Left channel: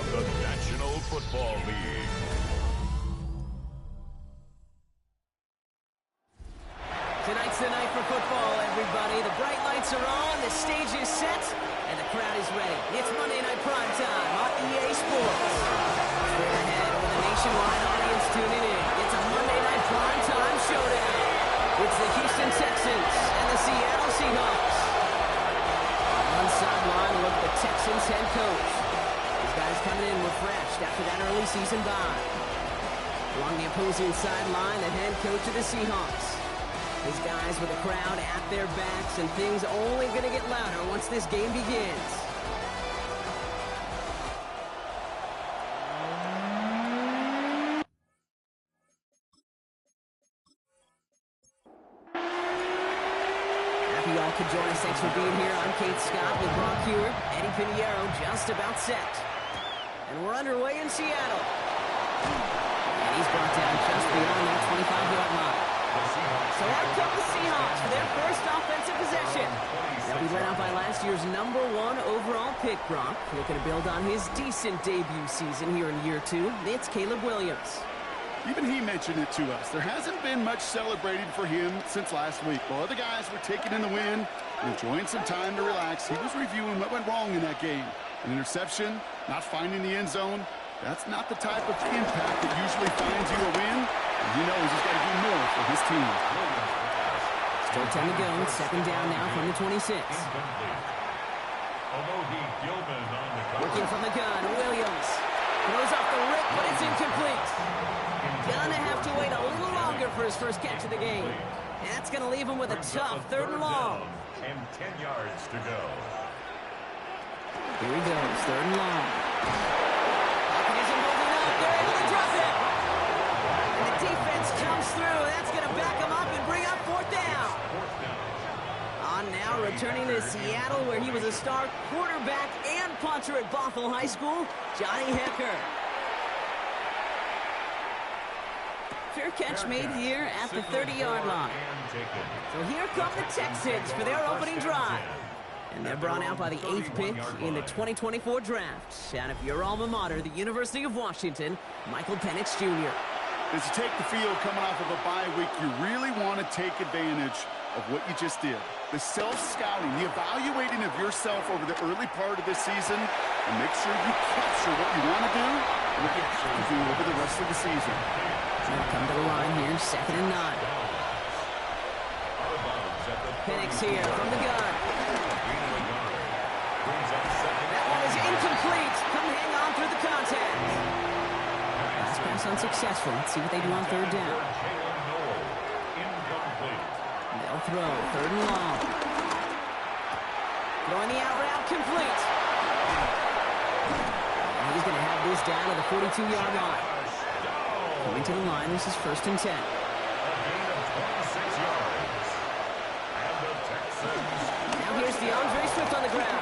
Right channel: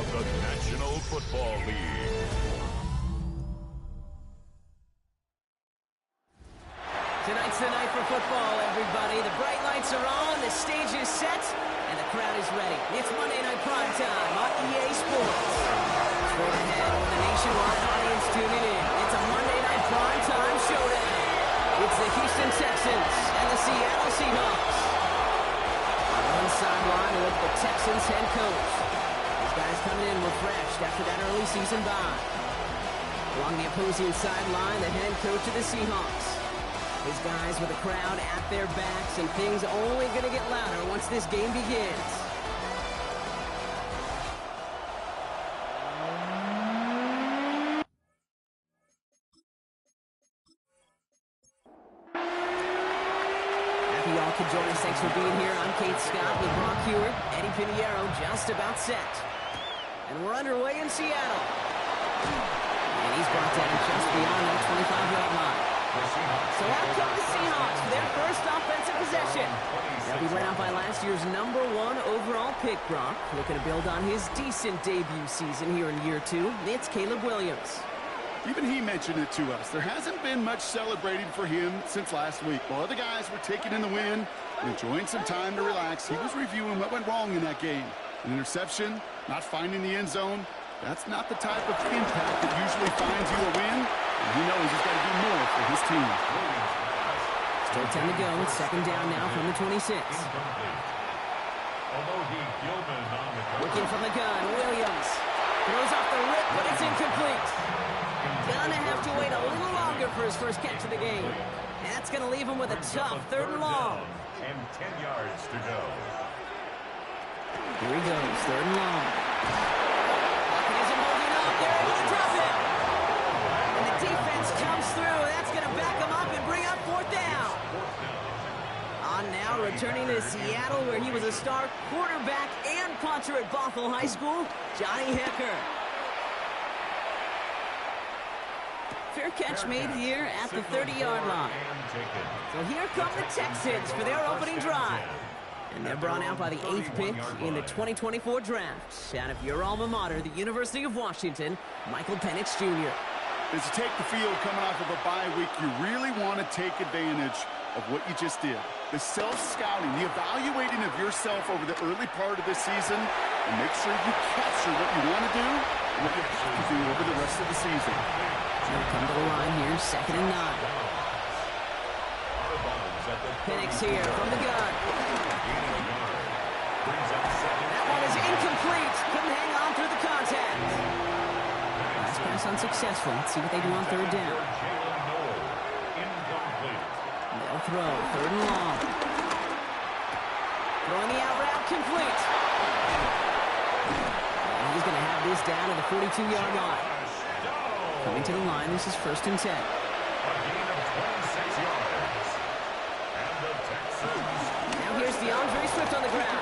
of the National Football League. Tonight's the night for football, everybody. The bright lights are on, the stage is set, and the crowd is ready. It's Monday Night Primetime on EA Sports. Straight ahead with a nationwide audience tuning in. It's a Monday Night Primetime showdown. It's the Houston Texans and the Seattle Seahawks. On one sideline, a look at the Texans head coach. These guys coming in refreshed after that early season bye. Along the opposing sideline, the head coach of the Seahawks. His guys with the crowd at their backs, and things only going to get louder once this game begins. Happy y'all could join us. Thanks for being here. I'm Kate Scott with Brock Hewitt. Eddie Pinheiro just about set. And we're underway in Seattle. And he's brought down just beyond that 25-yard line. So out come the Seahawks for their first offensive possession. They'll be led out by last year's #1 overall pick, Brock. Looking to build on his decent debut season here in year 2. It's Caleb Williams. Even he mentioned it to us. There hasn't been much celebrating for him since last week. While other guys were taking in the win and enjoying some time to relax, he was reviewing what went wrong in that game. An interception, not finding the end zone. That's not the type of impact that usually finds you a win. And he knows he's got to do more for his team. Still 10 to go. It's second down now from the 26. Working from the gun, Williams. Throws off the rip, but it's incomplete. Gonna have to wait a little longer for his first catch of the game. That's going to leave him with a tough 3rd and long. And 10 yards to go. Here he goes, 3rd and long. Pocket isn't holding up. They're able to drop it. And the defense comes through. That's going to back him up and bring up 4th down. On now, returning to Seattle, where he was a star quarterback and punter at Bothell High School, Johnny Hecker. Fair catch made here at the 30-yard line. So here come the Texans for their opening drive. And they're brought out by the 8th pick in the 2024 draft. Out of your alma mater, the University of Washington, Michael Penix Jr. As you take the field coming off of a bye week, you really want to take advantage of what you just did. The self-scouting, the evaluating of yourself over the early part of this season, and make sure you capture what you want to do and what you have to do over the rest of the season. They'll come to the line here, 2nd and 9. Penix here from the gun. That one is incomplete. Couldn't hang on through the contact. Last pass unsuccessful. Let's see what they do on 3rd down. They'll throw, 3rd and long. Throwing the out route, complete. And he's going to have this down to the 42-yard line. Coming to the line, this is 1st and 10. A gain of 26 yards. And the Texans. Now here's DeAndre Swift on the ground.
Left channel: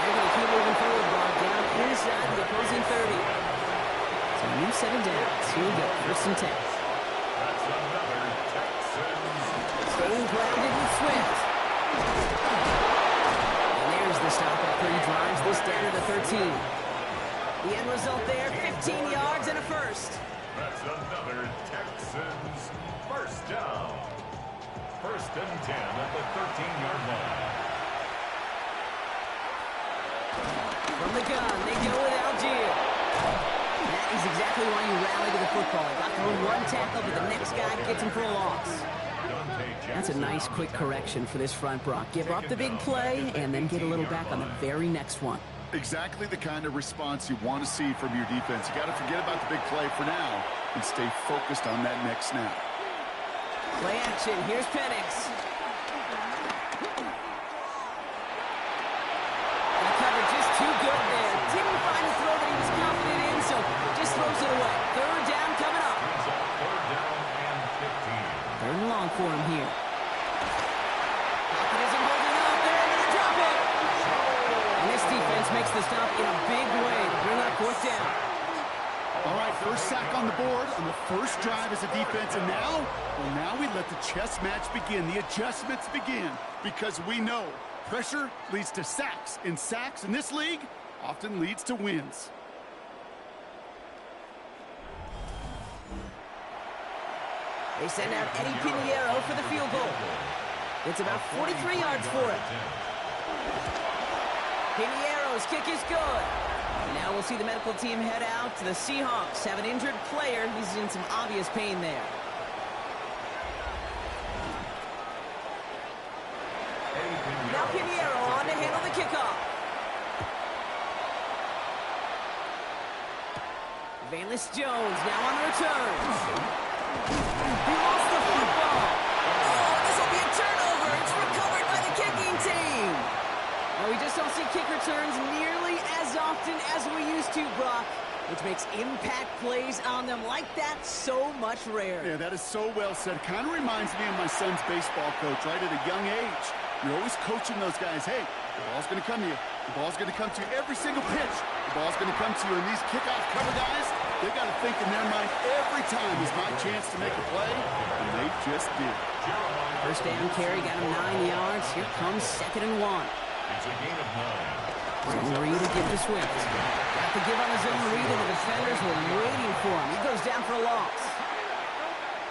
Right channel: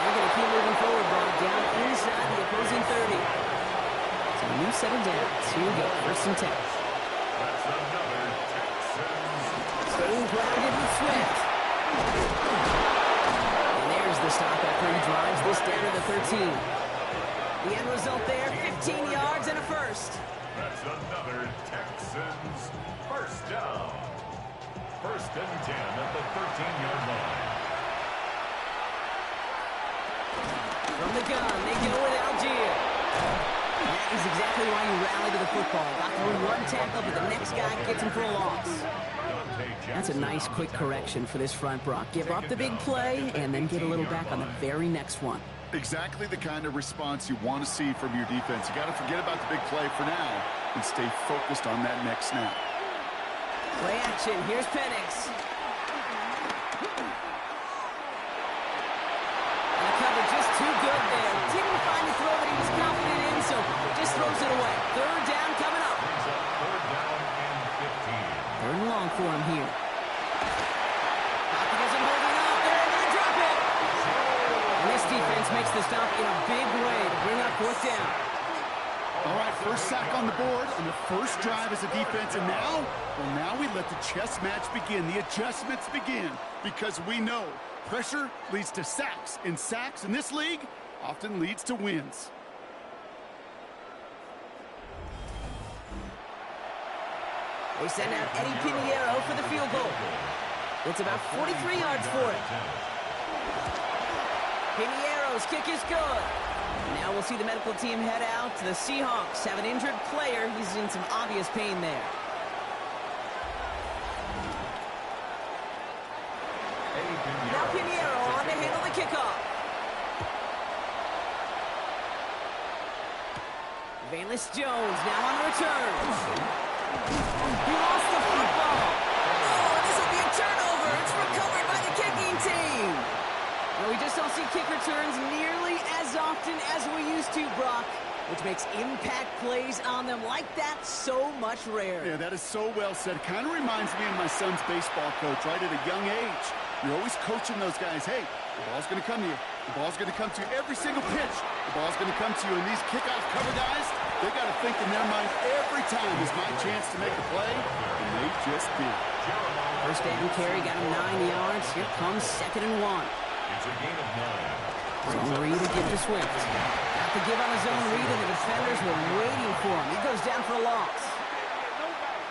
They're going to keep moving forward, brought down inside the opposing 30. So a new set of downs. Here we go, 1st and 10. That's another Texans. Staying grounded with Swift. And there's the stop after he drives this down to the 13. The end result there, 15 yards and a first. That's another Texans first down. 1st and 10 at the 13-yard line. From the gun, they go with Algier. And that is exactly why you rally to the football. He got through one tackle, but the next guy gets him for a loss. That's a nice quick correction for this front, Brock. Give up the big play and then get a little back on the very next one. Exactly the kind of response you want to see from your defense. You got to forget about the big play for now and stay focused on that next snap. Play action. Here's Penix. And the cover just too good there. Didn't find a throw that he was confident in, so just throws it away. 3rd down coming up. 3rd down and 15. 3rd and long for him here. Pocket isn't holding up. They're able to drop it. And this defense makes the stop in a big way to bring up 4th down. All right, first sack on the board on the first drive as a defense, and now we let the chess match begin, the adjustments begin, because we know Pressure leads to sacks, and sacks in this league often leads to wins. They send out Eddie Pinheiro for the field goal. It's about 43 yards for it. Pinheiro's kick is good. Now we'll see the medical team head out. The Seahawks have an injured player. He's in some obvious pain there. Now Pinheiro on to handle the kickoff. Valus Jones now on the return. He lost the football. Oh, this will be a turnover. It's recovered by the kicking team. Well, we just don't see kick returns nearly as often as we used to, Brock, which makes impact plays on them like that so much rarer. Yeah, that is so well said. It kind of reminds me of my son's baseball coach, right at a young age. You're always coaching those guys, hey, the ball's going to come to you. The ball's going to come to you every single pitch. The ball's going to come to you. And these kickoff cover guys, they got to think in their mind every time is my chance to make a play, and they just did. First down carry got him 9 yards. Here comes 2nd and 1. It's a gain of 9. Zone read to give to Swift. Got the give on the zone read, and the defenders were waiting for him. He goes down for a loss.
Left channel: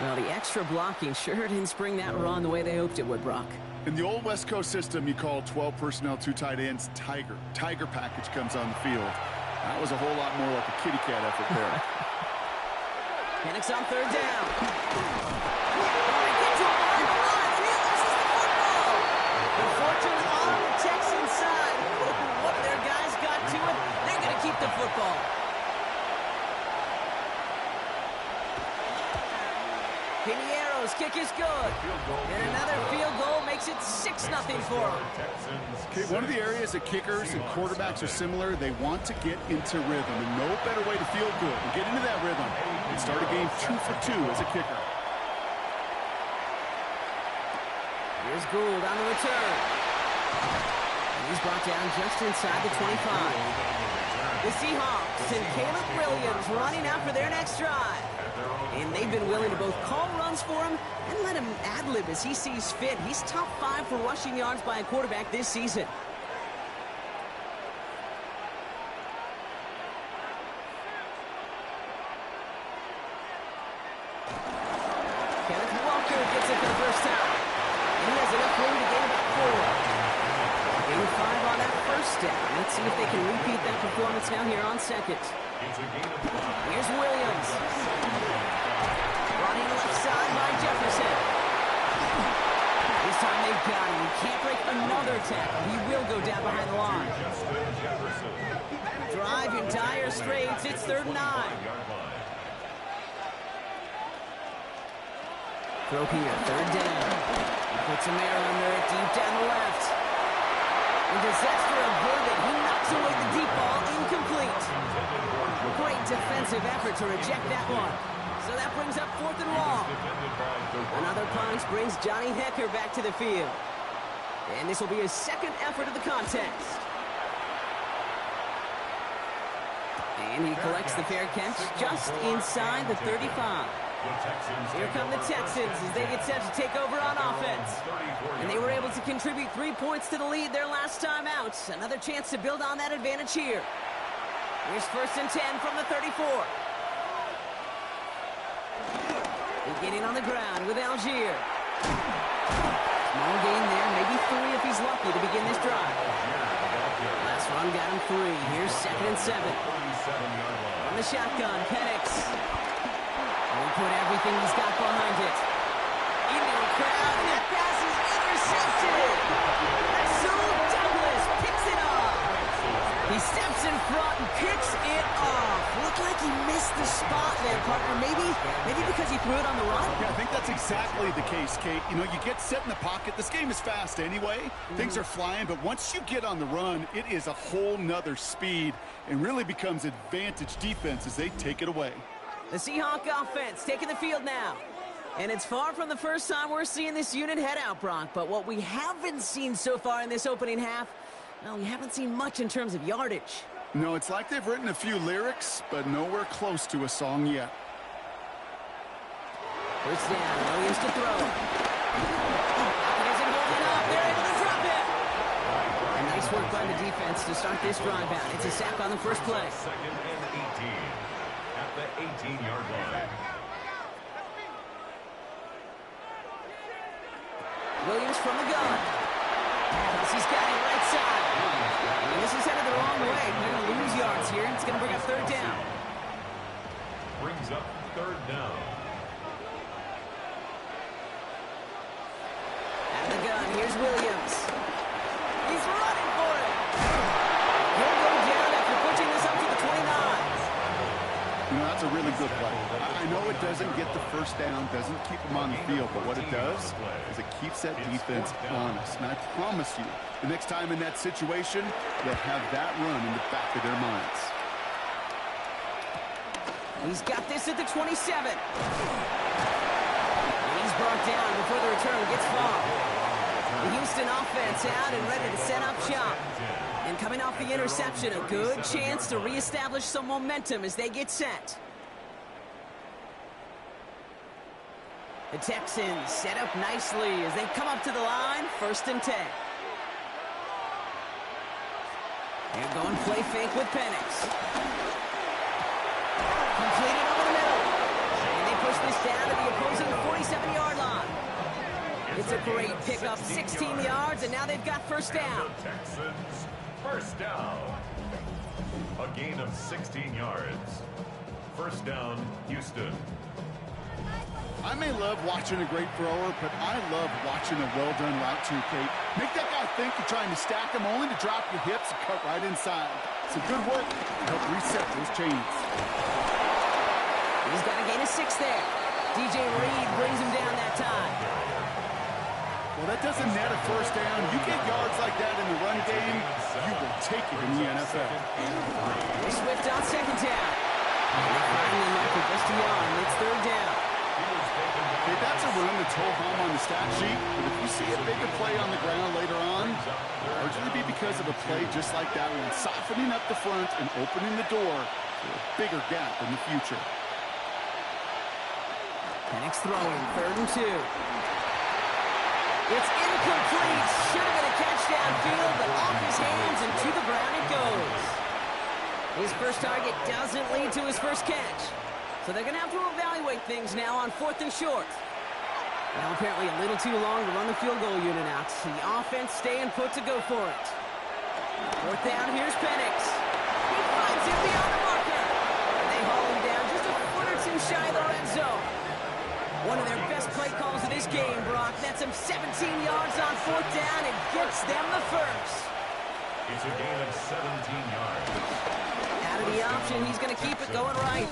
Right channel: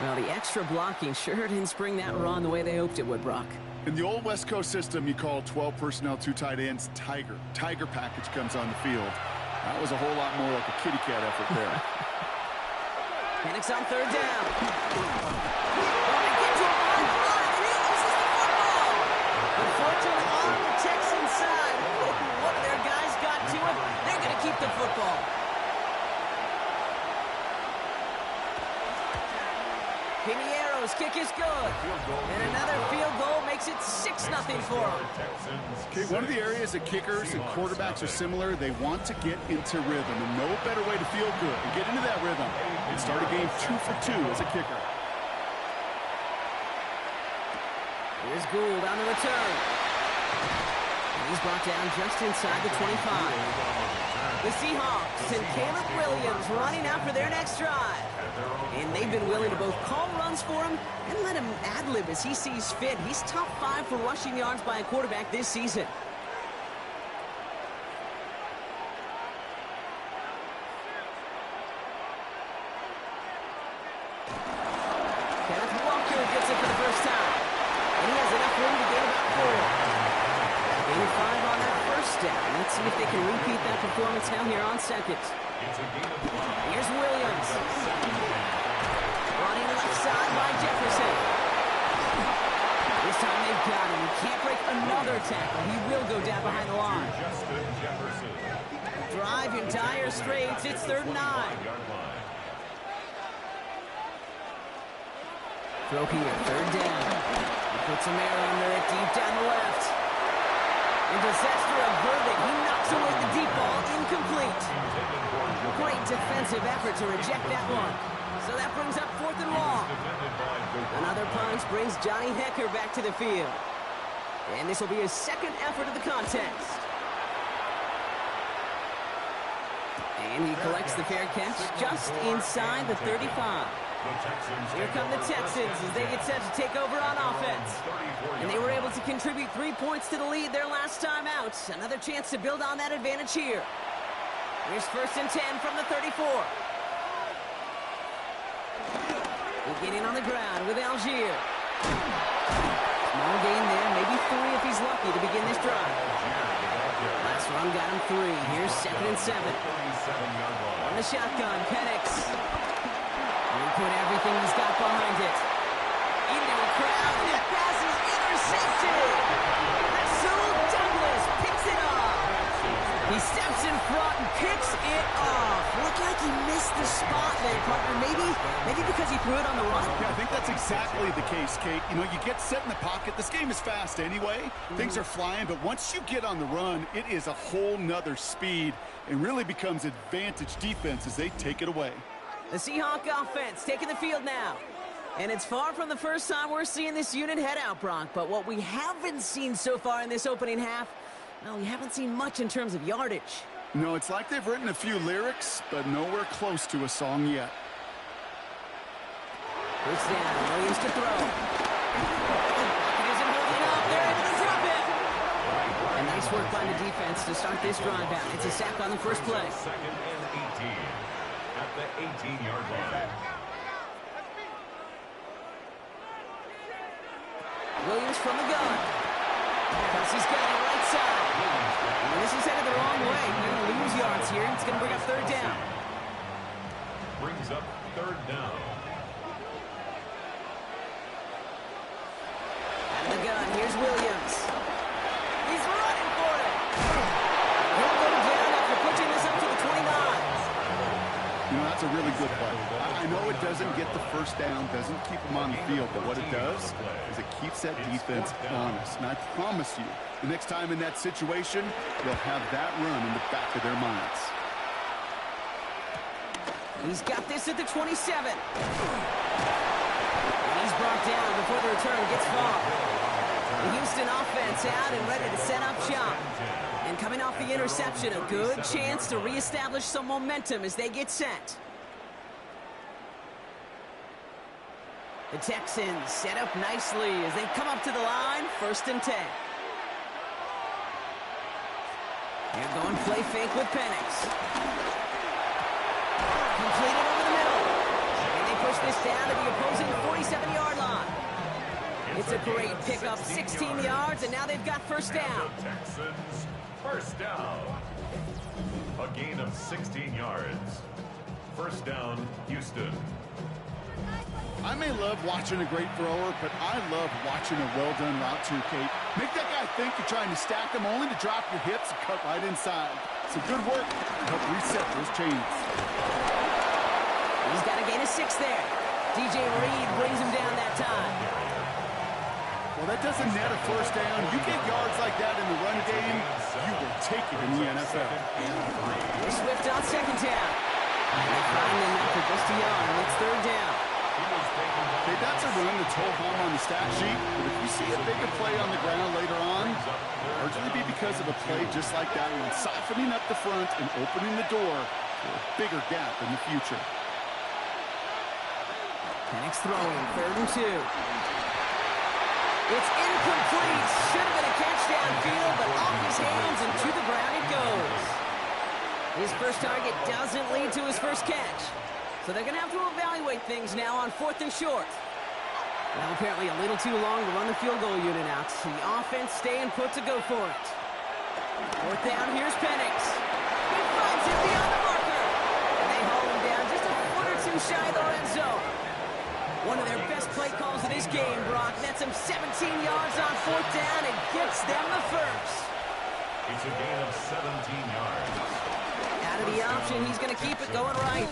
Well, the extra blocking sure didn't spring that run the way they hoped it would, Brock. In the old West Coast system, you call 12 personnel, 2 tight ends, Tiger. Tiger package comes on the field. That was a whole lot more like a kitty cat effort there. Penix on 3rd down. Oh, they get to him behind the line, and he loses the football. Unfortunately, on the Texans side, one of their guys got to it. They're going to keep the football. Pinheiro's kick is good. And another field goal makes it 6-0 for them. Okay, one of the areas that kickers and quarterbacks are similar, they want to get into rhythm. And no better way to feel good and get into that rhythm and start a game 2 for 2 as a kicker. Here's Gould on the return. And he's brought down just inside the 25. The Seahawks and Caleb Williams running out for their next drive. And they've been willing to both call runs for him and let him ad-lib as he sees fit. He's top 5 for rushing yards by a quarterback this season. Kenneth Walker gets it for the first time. And he has enough room to gain about 4. Gain 5 on that first down. Let's see if they can repeat that performance now here on 2nd. Here's Williams. Running left side by Jefferson. This time they've got him. He can't break another tackle. He will go down behind the line. Drive in dire straits. It's 3rd and 9. Throw here, 3rd down. He puts some air under it deep down the left. And disaster averted. He knocks away the deep ball, incomplete. Great defensive effort to reject that one. So that brings up 4th and long. Another punch brings Johnny Hecker back to the field. And this will be his 2nd effort of the contest. And he collects the fair catch just inside the 35. Here come the Texans as they get set to take over on offense. And they were able to contribute 3 points to the lead their last time out. Another chance to build on that advantage here. Here's 1st and 10 from the 34. Beginning on the ground with Algier. Small gain there, maybe 3 if he's lucky to begin this drive. Last run got him 3. Here's 2nd and 7. On the shotgun, Penix. He put everything he's got behind it. Into a crowd, and that pass is intercepted. Rasul Douglas picks it off. He steps in front and picks it off. Looked like he missed the spot there, partner. Maybe because he threw it on the run. Yeah, I think that's exactly the case, Kate. You know, you get set in the pocket. This game is fast anyway. Things are flying, but once you get on the run, it is a whole nother speed and really becomes advantage defense as they take it away. The Seahawk offense taking the field now. And it's far from the first time we're seeing this unit head out, Brock. But what we haven't seen so far in this opening half, well, we haven't seen much in terms of yardage. No, it's like they've written a few lyrics, but nowhere close to a song yet. First down, Williams to throw. Pocket isn't holding up. They're able to drop it. And nice work by the defense to start this drive out. It's a sack on the first play. Second and 18 at the 18-yard line. Williams from the gun. Kelsey's got it right side. And this is headed the wrong way. They're going to lose yards here. It's going to bring up third down. Brings up third down. Out of the gun, here's Williams. He's running for it. He'll go down after pushing this up to the 29. You know, that's a really good play. I know it doesn't get the first down, doesn't keep them on the field, but what it does is it keeps that defense honest. And I promise you, the next time in that situation, they'll have that run in the back of their minds. He's got this at the 27. And he's brought down before the return gets far. The Houston offense out and ready to set up shop. And coming off the interception, a good chance to reestablish some momentum as they get set. The Texans set up nicely as they come up to the line, 1st and 10. They're going play fake with Penix. Completed over the middle. And they push this down to the opposing 47-yard line. It's a great pickup, 16 yards, and now they've got first down. The Texans, first down. A gain of 16 yards. First down, Houston. I may love watching a great thrower, but I love watching a well-done route too, Kate. Make that guy think you're trying to stack them only to drop your hips and cut right inside. Some good work to help reset those chains. He's got a gain of 6 there. DJ Reed brings him down that time. Well, that doesn't net a first down. You get yards like that in the run game, you will take it in the NFL. Swift on second down. And they find him after just a yard. It's third down. Okay, that's a run that's ho-hum on the stat sheet, but if you see a bigger play on the ground later on, largely be because of a play just like that one, softening up the front and opening the door for a bigger gap in the future. Penix throwing, 3rd and 2. It's incomplete. Should have been a catch downfield, but off his hands and to the ground it goes. His first target doesn't lead to his first catch. So they're going to have to evaluate things now on 4th and short. Now apparently a little too long to run the field goal unit out. So the offense staying put to go for it. 4th down, here's Penix. He finds him beyond the marker. And they haul him down just a foot or two shy of the red zone. One of their best play calls of this game, Brock. That's him 17 yards on 4th down and gets them the first. It's a gain of 17 yards. Out of the option, he's going to keep it going right.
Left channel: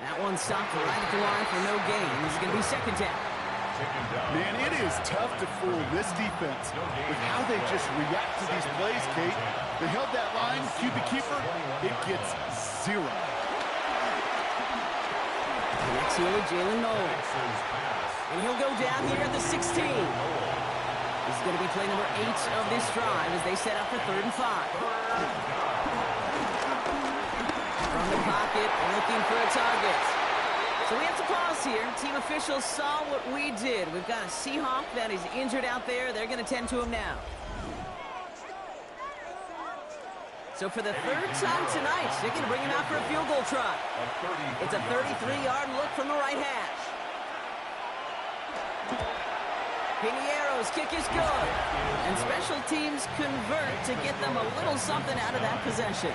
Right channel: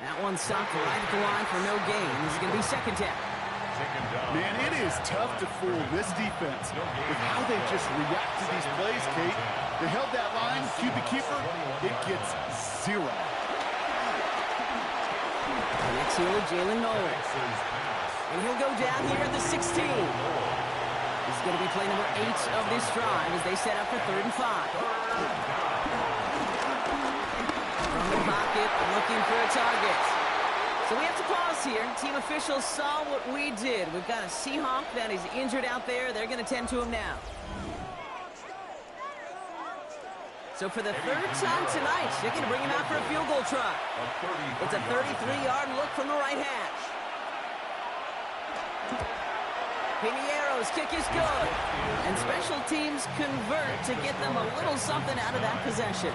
That one stopped right at the line for no gain. This is going to be second down. Man, it is tough to fool this defense with how they just react to these plays, Kate. They held that line, QB keeper, it gets 0. Next here with Jalen Knowles. And he'll go down here at the 16. This is going to be play number 8 of this drive as they set up for 3rd and 5. From the pocket, looking for a target. So we have to pause here. Team officials saw what we did. We've got a Seahawk that is injured out there. They're going to tend to him now. So for the 3rd time tonight, they're going to bring him out for a field goal try. It's a 33-yard look from the right hash. Piniero's kick is good. And special teams convert to get them a little something out of that possession.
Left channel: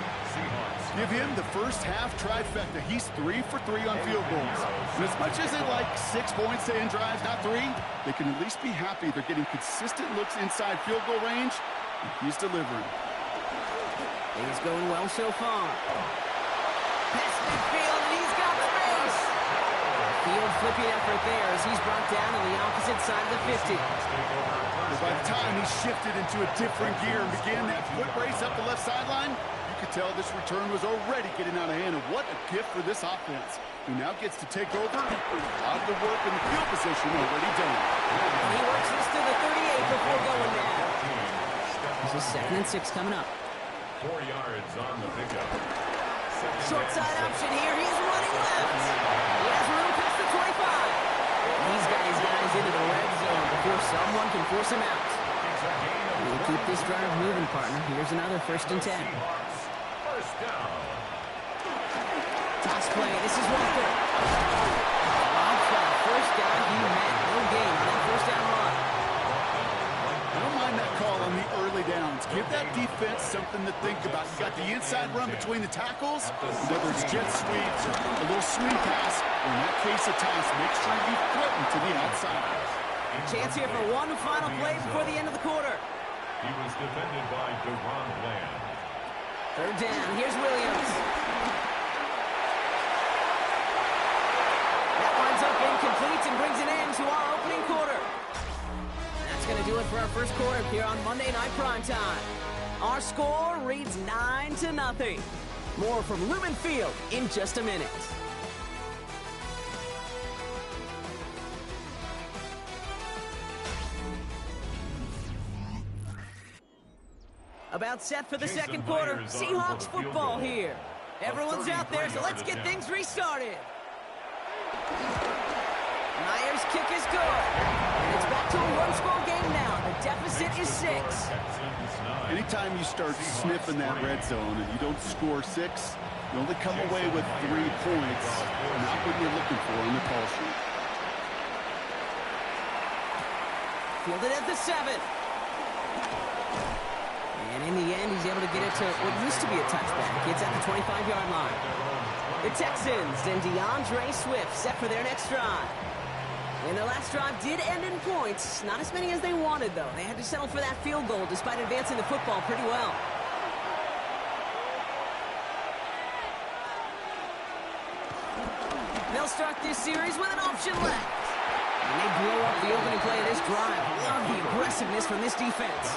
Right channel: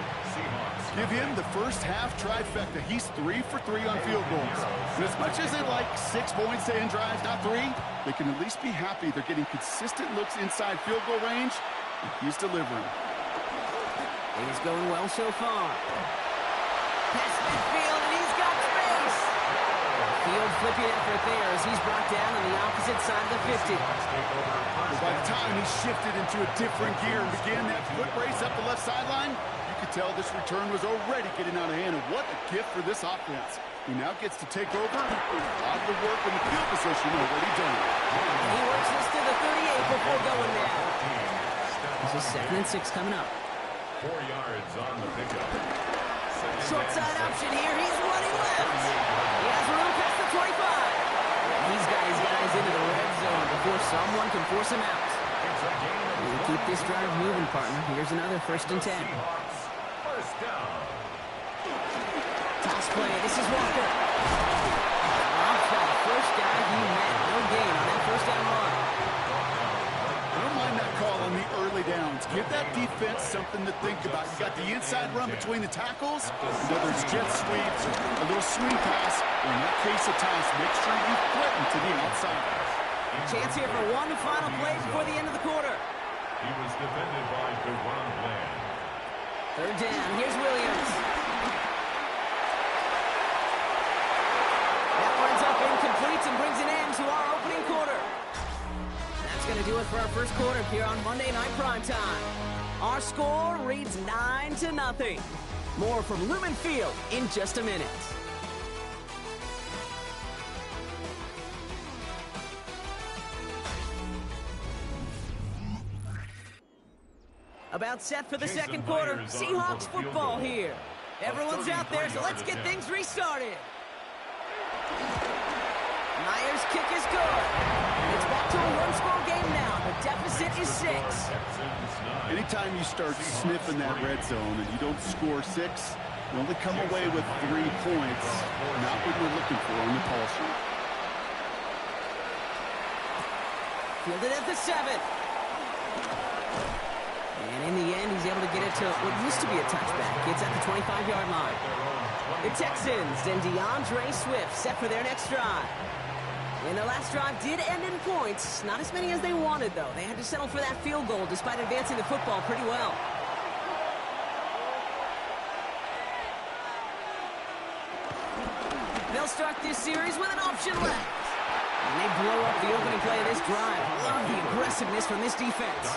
Give him the first half trifecta. He's 3 for 3 on field goals. And as much as they like 6 points to end drives, not 3, they can at least be happy they're getting consistent looks inside field goal range, and he's delivering. He's going well so far. Past midfield, and he's got space. Field flipping effort there as he's brought down on the opposite side of the 50. Well, by the time he shifted into a different gear and began that foot race up the left sideline, you could tell this return was already getting out of hand. And what a gift for this offense, who now gets to take over. A lot of the work in the field position already done. And he works this to the 38 before going now. This is 2nd and 6 coming up. 4 yards on the pickup. Short side option here. He's running left. He has room past the 25. He's got his guys into the red zone before someone can force him out. You keep this drive moving, partner. Here's another 1st and 10. Seahawks, first down. Toss play. This is Walker. Rob shot. First down. He met. No gain on that 1st down run. I don't mind that call on the early downs. Give that defense something to think about. You got the inside run between the tackles, whether it's jet sweeps or a little swing pass, or in that case a toss, make sure you threaten to the outside. Chance here for one final play before the end of the quarter. He was defended by DeRon Bland. 3rd down. Here's Williams. That winds up incomplete and brings an end to our opening quarter. That's going to do it for our first quarter here on Monday Night Primetime. Our score reads 9-0. More from Lumen Field in just a minute. About set for the second quarter. Seahawks football here. Everyone's out there, so let's get things restarted. Myers' kick is good. And it's back to a one-score game now. The deficit is 6. Anytime you start sniffing that red zone and you don't score 6, you only come away with 3 points. Not what we're looking for on the call sheet. Fielded at the 7. And in the end, he's able to get it to what used to be a touchback. It's at the 25-yard line. The Texans and DeAndre Swift set for their next drive. And their last drive did end in points. Not as many as they wanted, though. They had to settle for that field goal despite advancing the football pretty well. They'll start this series with an option left. And they blow up the opening play of this drive. Love the aggressiveness from this defense.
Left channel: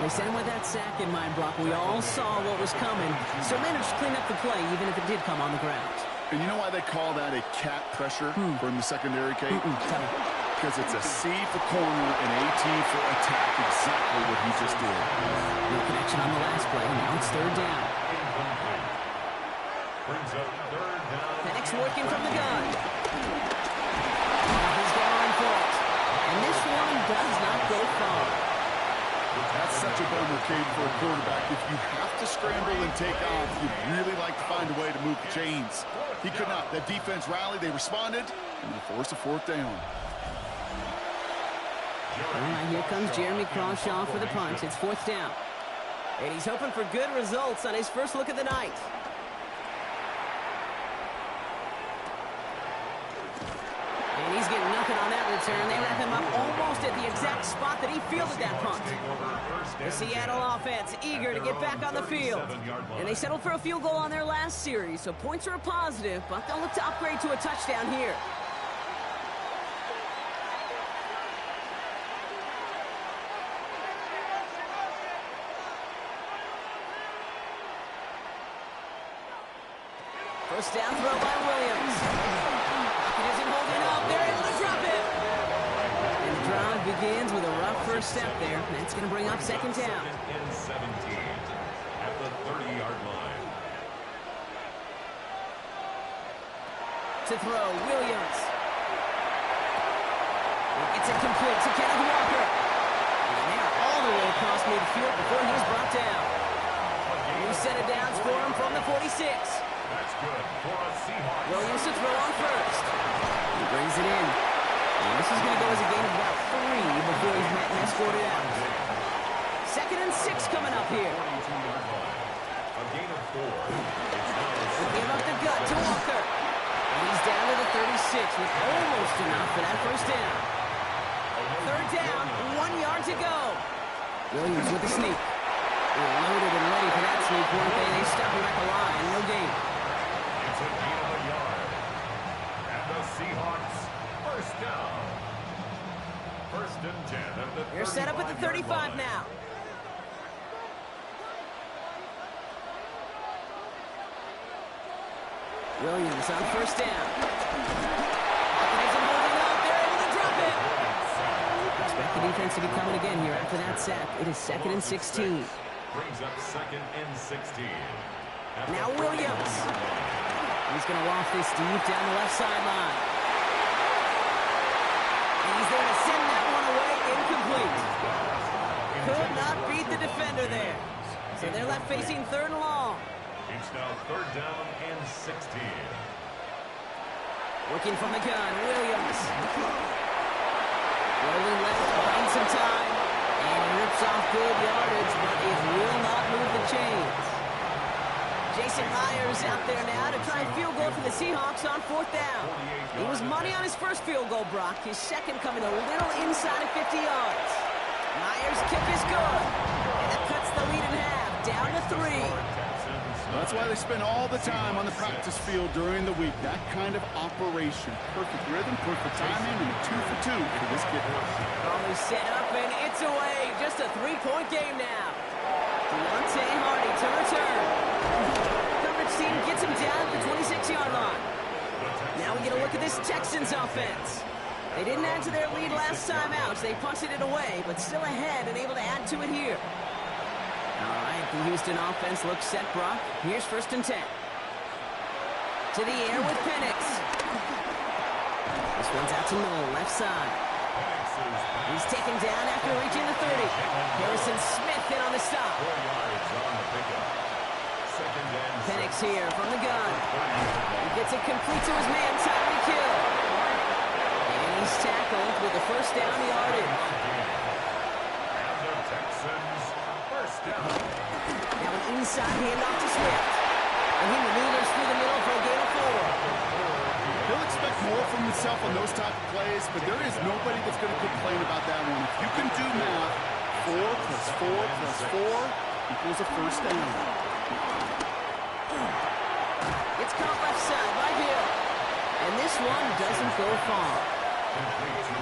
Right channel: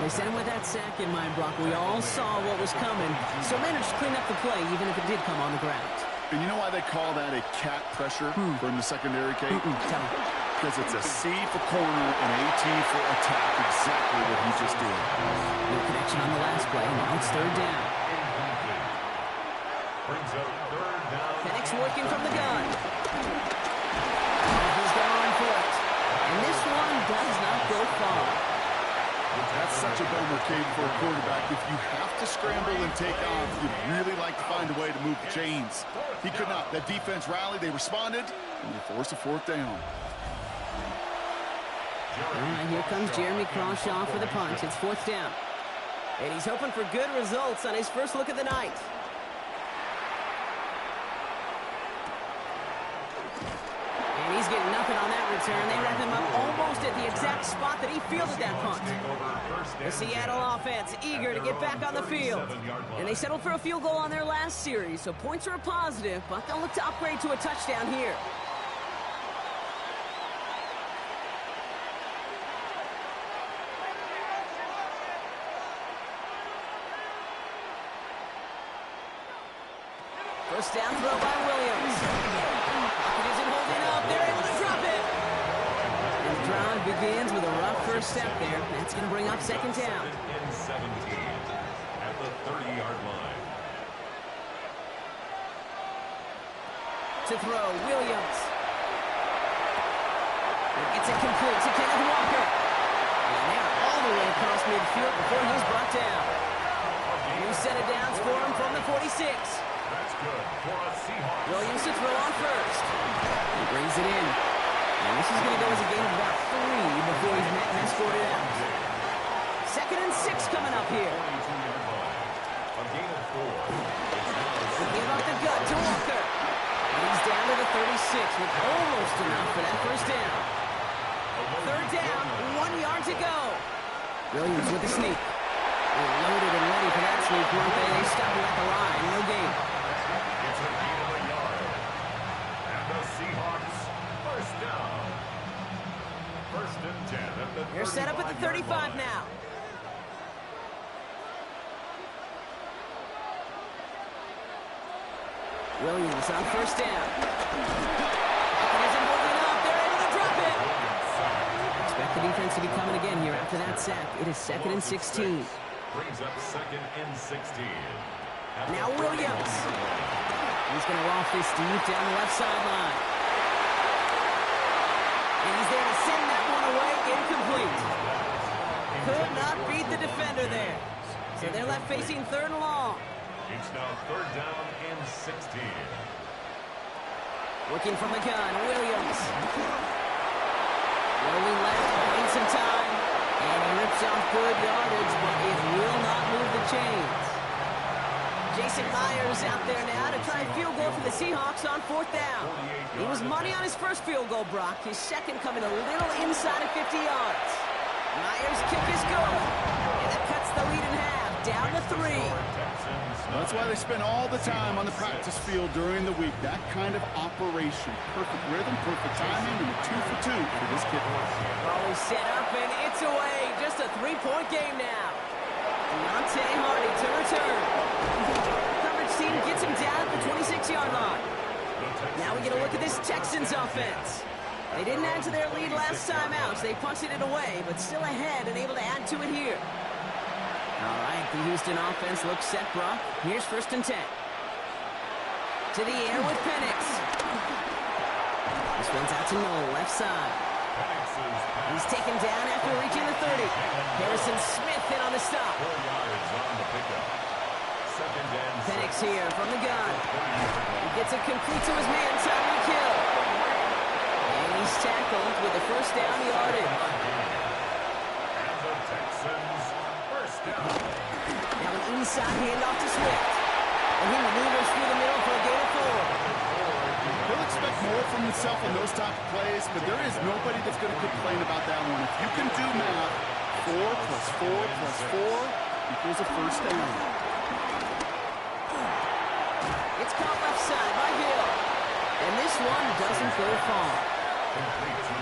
They sent him with that sack in mind, Brock. We all saw what was coming, so managed to clean up the play, even if it did come on the ground. And you know why they call that a cat pressure from the secondary, Kate? Tell me. Because it's a C for corner and AT for attack, exactly what he just did. No connection on the last play. Now it's 3rd down. Incomplete. Brings up 3rd down. Penix working from the gun. He's going for it. And this one does not go far. That's such a bummer, Kate, for a quarterback. If you have to scramble and take off, you'd really like to find a way to move the chains. He could not. That defense rallied, they responded, and they forced a 4th down. All right, here comes Jeremy Crawshaw for the punt. It's 4th down. And he's hoping for good results on his first look of the night. And he's getting nothing on that return. They wrap him up almost at the exact spot that he fielded that punt. The Seattle offense eager to get back on the field. And they settled for a field goal on their last series, so points are a positive, but they'll look to upgrade to a touchdown here. First down throw by Williams. Pocket isn't holding up. They're able to drop it. And the drive begins with a rough first step there. That's going to bring up 2nd down. In 17 at the 30-yard line. To throw, Williams. It's incomplete to Kenneth Walker. And they're all the way across midfield before he's brought down. New set of downs for him from the 46. That's good for a Seahawks. Williams to throw on first. He brings it in. And this is going to go as a gain of about 3 before he's met and escorted out. 2nd and 6 coming up here. 42-yard line. A gain of 4. They give up the gut to Walker. And he's down to the 36 with almost enough for that first down. 3rd down, 1 yard to go. Williams with the sneak. They're loaded and ready for that sneak, weren't they? They stop him at the line. No gain. It's a gain of a yard. And the Seahawks first down. 1st and 10 at the 35-yard line. They're set up at the 35 now. Williams on first down. Pocket isn't holding up. They're able to drop it. Expect the defense to be coming again here after that sack. It is 2nd and 16. Brings up 2nd and 16. Now Williams. He's going to loft this deep down the left sideline. And he's there to send that one away incomplete. Could not beat the defender there. So they're left facing 3rd and long. It's now 3rd down and 16. Working from the gun, Williams. Rolling left, buying some time. And he rips off good yardage, but it will not move the chains. Jason Myers out there now to try a field goal for the Seahawks on 4th down. He was money on his first field goal, Brock. His second coming a little inside of 50 yards. Myers' kick is good. And that cuts the lead in half, down to 3. That's why they spend all the time on the practice field during the week. That kind of operation. Perfect rhythm, perfect timing, and a 2 for 2 for this kid. Ball is set up, and it's away. Just a 3-point game now. Deontay Hardy to return. Coverage team gets him down at the 26-yard line. Now we get a look at this Texans offense. They didn't add to their lead last time out. They punted it away, but still ahead and able to add to it here. All right, the Houston offense looks set, Brock. Here's 1st and 10. To the air with Penix. This one's out to Noel, left side. He's taken down after reaching the 30. Harrison Smith in on the stop. 4 yards on the pickup. 2nd and 6. Penix here from the gun. He gets it complete to his man, Tyreek Hill. And he's tackled with a 1st down yardage. And the Texans 1st down. Now an inside handoff to Swift. And he maneuvers through the middle for a gain of 4. He'll expect more from himself on those type of plays, but there is nobody that's going to complain about that one. If you can do math, 4 plus 4 plus 4 equals a 1st down. It's caught left side by Hill. And this one doesn't go far.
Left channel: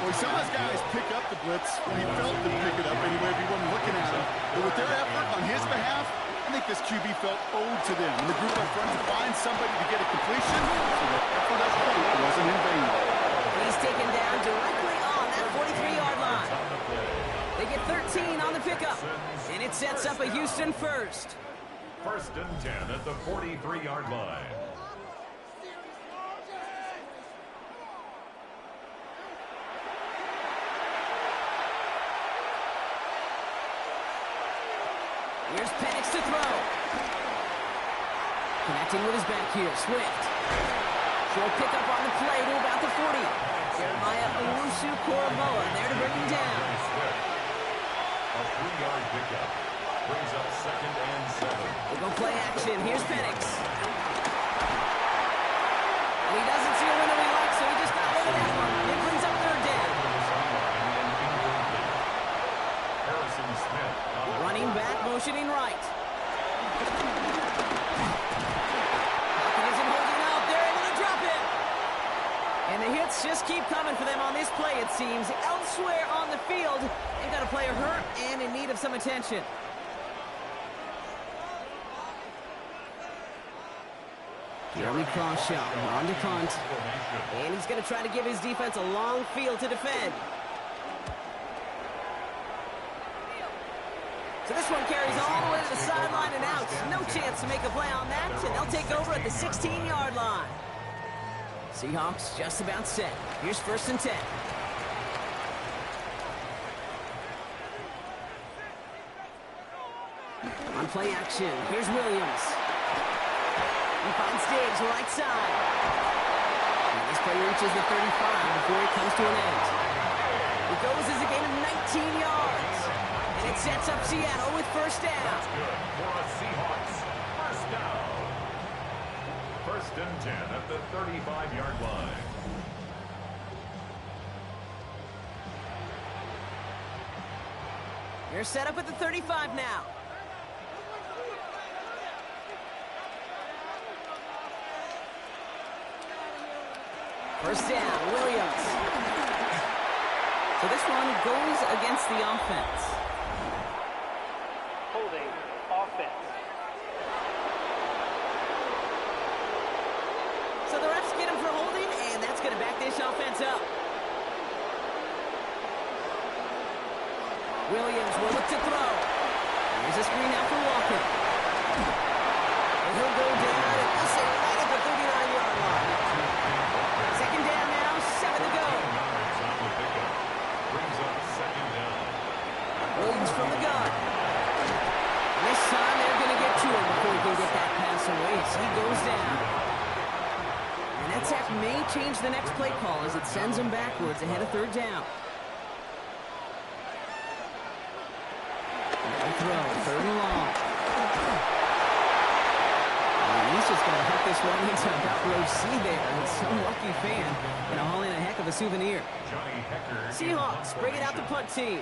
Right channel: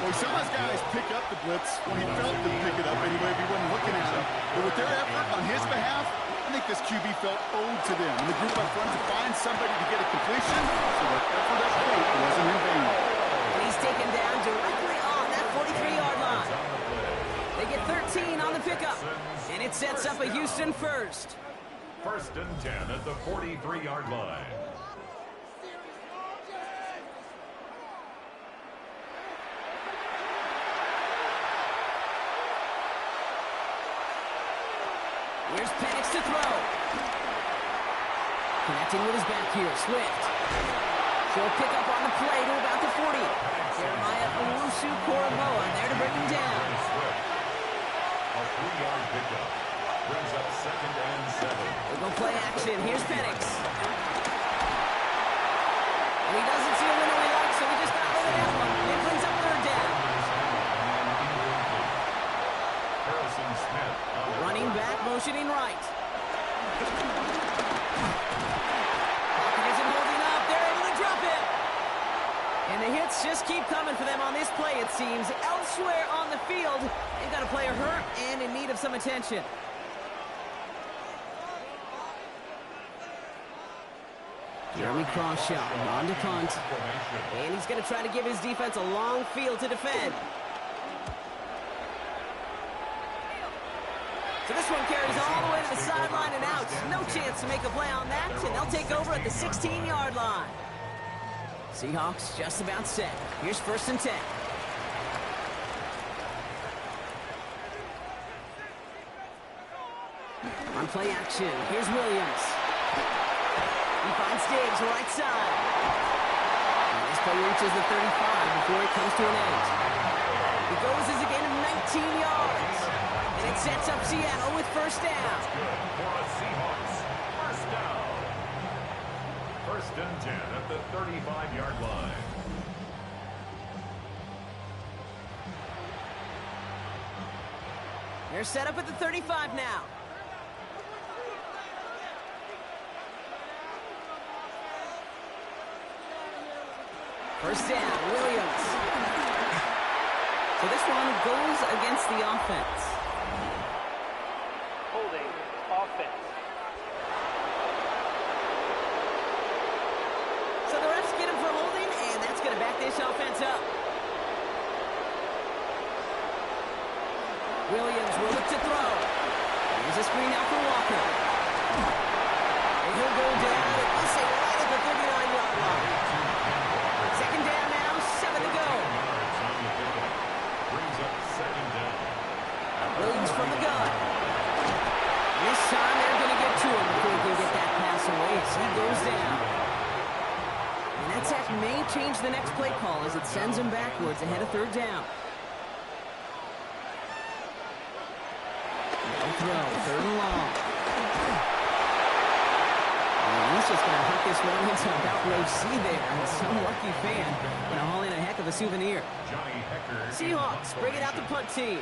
Well, we saw his guys pick up the blitz. Well, he felt them pick it up anyway if he wasn't looking at him. But with their effort on his behalf, I think this QB felt owed to them. And the group up front to find somebody to get a completion, so that effort up front wasn't in vain. And he's taken down directly on that 43-yard line. They get 13 on the pickup. And it sets up a Houston 1st. 1st and 10 at the 43-yard line. Here's Penix to throw. Connecting with his back here, Swift. Short pickup on the play to about the 40. Jeremiah Owusu-Koramoah there to bring him down. A 3-yard pickup brings up 2nd and 7. We'll go play action. Here's Penix. And he doesn't see a window he likes, so he just got rid of that one. It brings up 3rd down. Harrison Smith running back, motioning right. Pocket isn't holding up. They're able to drop it. And the hits just keep coming for them on this play, it seems. Elsewhere on the field, they've got a player hurt and in need of some attention. Jeremy Crawshaw on to punt. And he's going to try to give his defense a long field to defend. So this one carries all the way to the sideline and out. No chance to make a play on that, and they'll take over at the 16-yard line. Seahawks just about set. Here's 1st and 10. On play action, here's Williams. He finds Diggs right side. And this play reaches the 35 before it comes to an end. It goes as a gain of 19 yards. And it sets up Seattle with 1st down. That's good for a Seahawks 1st down. 1st and 10 at the 35-yard line. They're set up at the 35 now. First down, Williams. So this one goes against the offense. Holding offense. So the refs get him for holding, and that's going to back this offense up. Williams will look to throw. Here's a screen out for Walker. And he'll go down, and we'll say right at the 39-yard line. 2nd down now, 7 to go. Yards on the pickup. Brings up 2nd down. Williams from the gun. goes down. And that sack may change the next play call as it sends him backwards ahead of third down. No throw, third and long. And he's just going to hook this one into about row C there. And some lucky fan going to haul in a heck of a souvenir. Seahawks bring it out the punt team.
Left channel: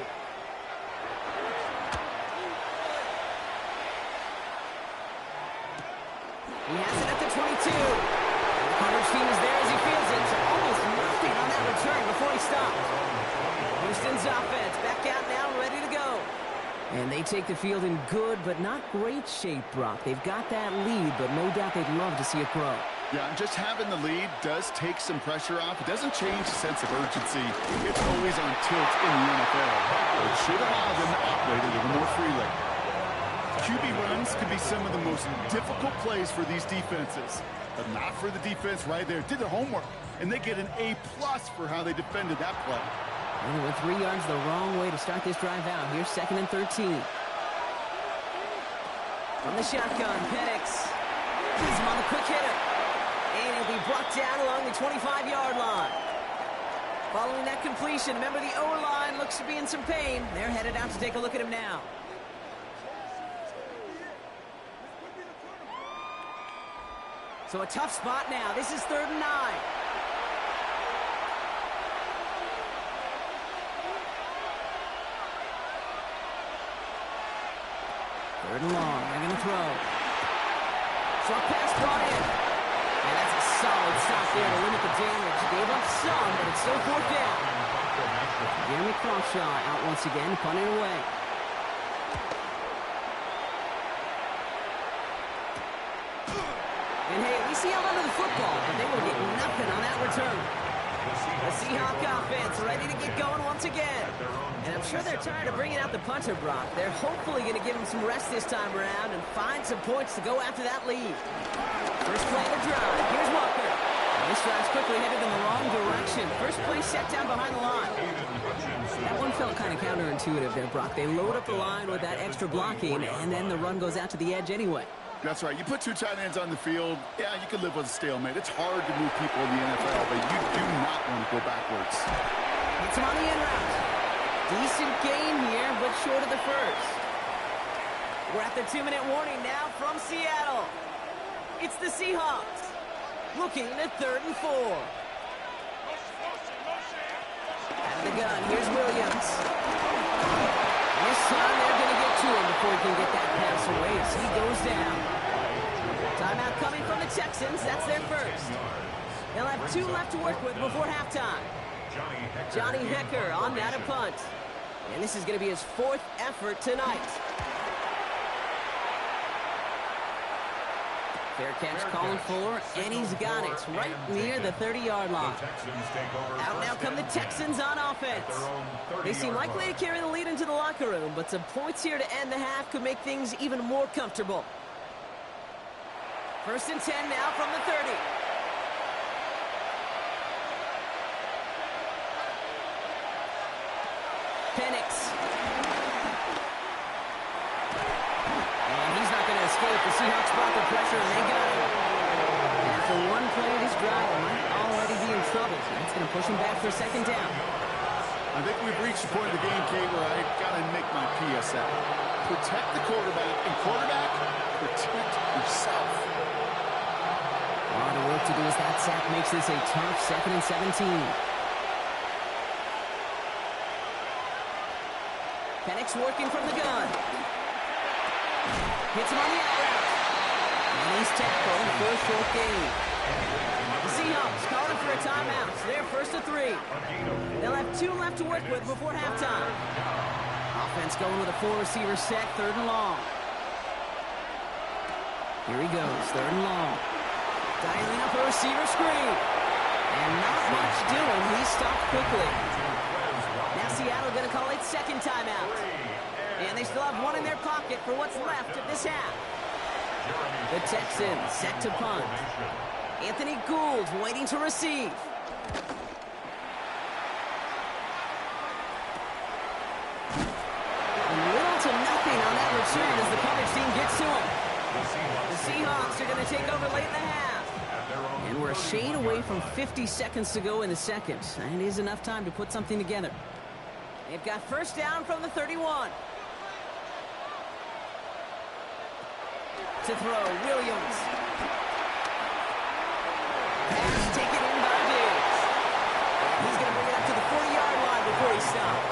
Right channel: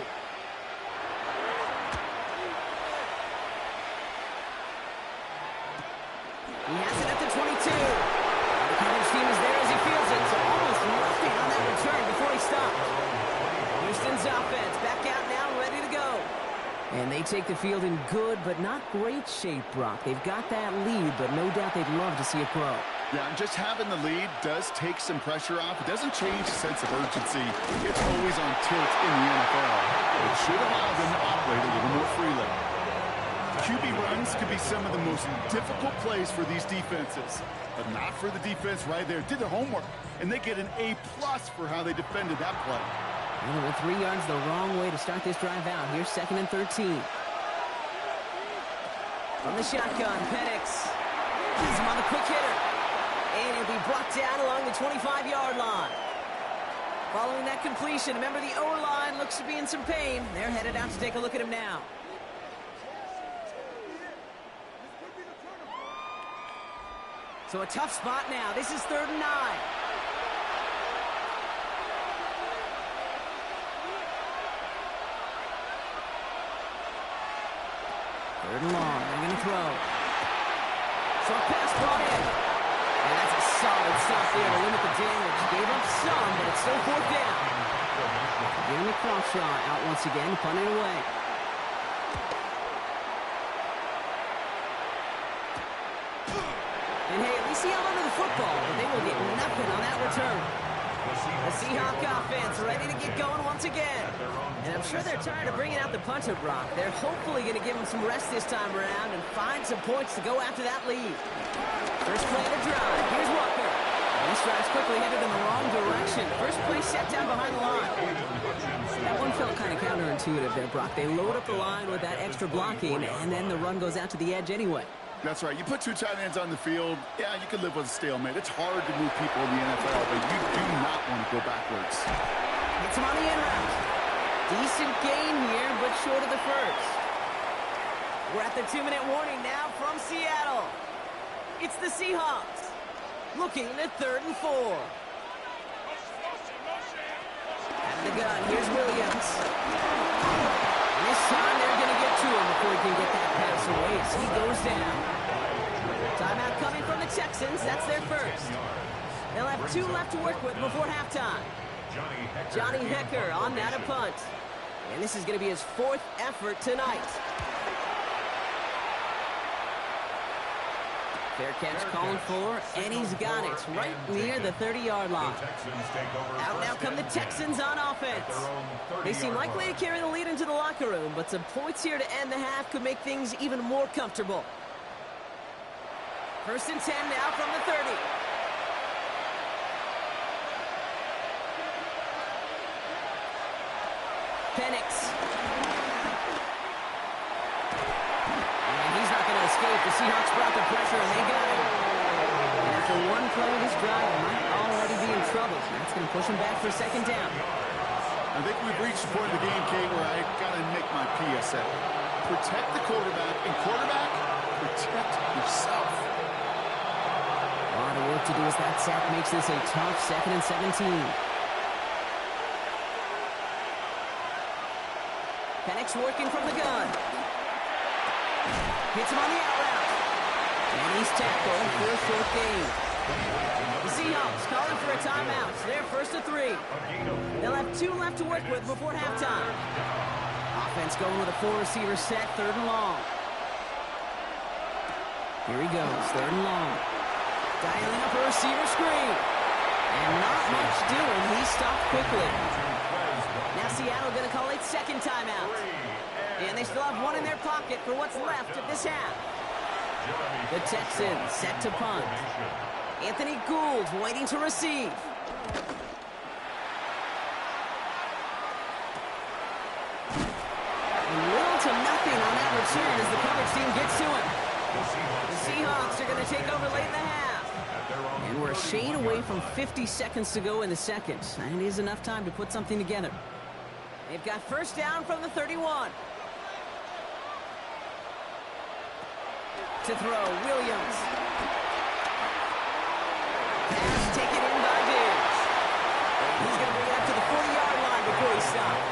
He has it at the 22. And the coverage team is there as he fields it. So almost nothing on that return before he stopped. Houston's offense back out now, ready to go. And they take the field in good but not great shape, Brock. They've got that lead, but no doubt they'd love to see it grow. Yeah, and just having the lead does take some pressure off. It doesn't change the sense of urgency. It's always on tilt in the NFL. But it should allow them to operate a little more freely. QB runs could be some of the most difficult plays for these defenses, but not for the defense right there. Did their homework, and they get an A+ for how they defended that play. And they went 3 yards the wrong way to start this drive out. Here's 2nd and 13. From the shotgun, Penix has him on the quick hitter. And he'll be brought down along the 25-yard line. Following that completion, remember the O-line looks to be in some pain. They're headed out to take a look at him now. So a tough spot now. This is 3rd and 9. Third and long. They're going to throw. Short pass brought in. And that's a solid stop there to limit the damage. Gave up some, but it's still 4th down. Jeremy Crawshaw out once again, punting away. And hey, at least he held onto the football, but they will get nothing on that return. The Seahawks offense ready to get going once again. And I'm sure they're tired of bringing out the punter, Brock. They're hopefully going to give him some rest this time around and find some points to go after that lead. First play of the drive. Here's Walker. And this drive's quickly headed in the wrong direction. First play set down behind the line. That one felt kind of counterintuitive there, Brock. They load up the line with that extra blocking, and then the run goes out to the edge anyway. That's right. You put 2 tight ends on the field, yeah, you can live with a stalemate. It's hard to move people in the NFL, but you do not want to go backwards. Hits him on the in route. Decent gain here, but short of the first. We're at the 2-minute warning now from Seattle. It's the Seahawks looking at 3rd and 4. Out of the gun, here's Williams. And this time they're going to get to him before he can get that pass away. So he goes down. Timeout coming from the Texans. That's their first. They'll have 2 left to work with before halftime. Johnny Hecker on that a punt. And this is going to be his 4th effort tonight. Fair catch calling for, and he's got it right near the 30-yard line. Out now come the Texans on offense. They seem likely to carry the lead into the locker room, but some points here to end the half could make things even more comfortable. 1st and 10 now from the 30. Penix. And he's not going to escape. The Seahawks brought the pressure, and they got him. And after one play, this drive might already be in trouble. So that's going to push him back for 2nd down. I think we've reached the point of the game, Kate, where I got to make my PSA. Protect the quarterback, and quarterback, protect yourself. A lot of work to do as that sack makes this a tough 2nd and 17. Penix working from the gun. Hits him on the out route. And he's tackled for a short gain. The Seahawks calling for a timeout. So they're 1st and 3. They'll have 2 left to work with before halftime. Offense going with a 4-receiver set, 3rd and long. Here he goes, 3rd and long. Dialing up a receiver screen. And not much doing. He stopped quickly. Now Seattle going to call it 2nd timeout. And they still have 1 in their pocket for what's left of this half. The Texans set to punt. Anthony Gould waiting to receive. Little to nothing on that return as the coverage team gets to him. The Seahawks are going to take over late in the half. And we're a shade away from 50 seconds to go in the second. And it is enough time to put something together. They've got first down from the 31. To throw, Williams. Pass taken in by Diggs. And he's going to bring it up to the 40-yard line before he stops.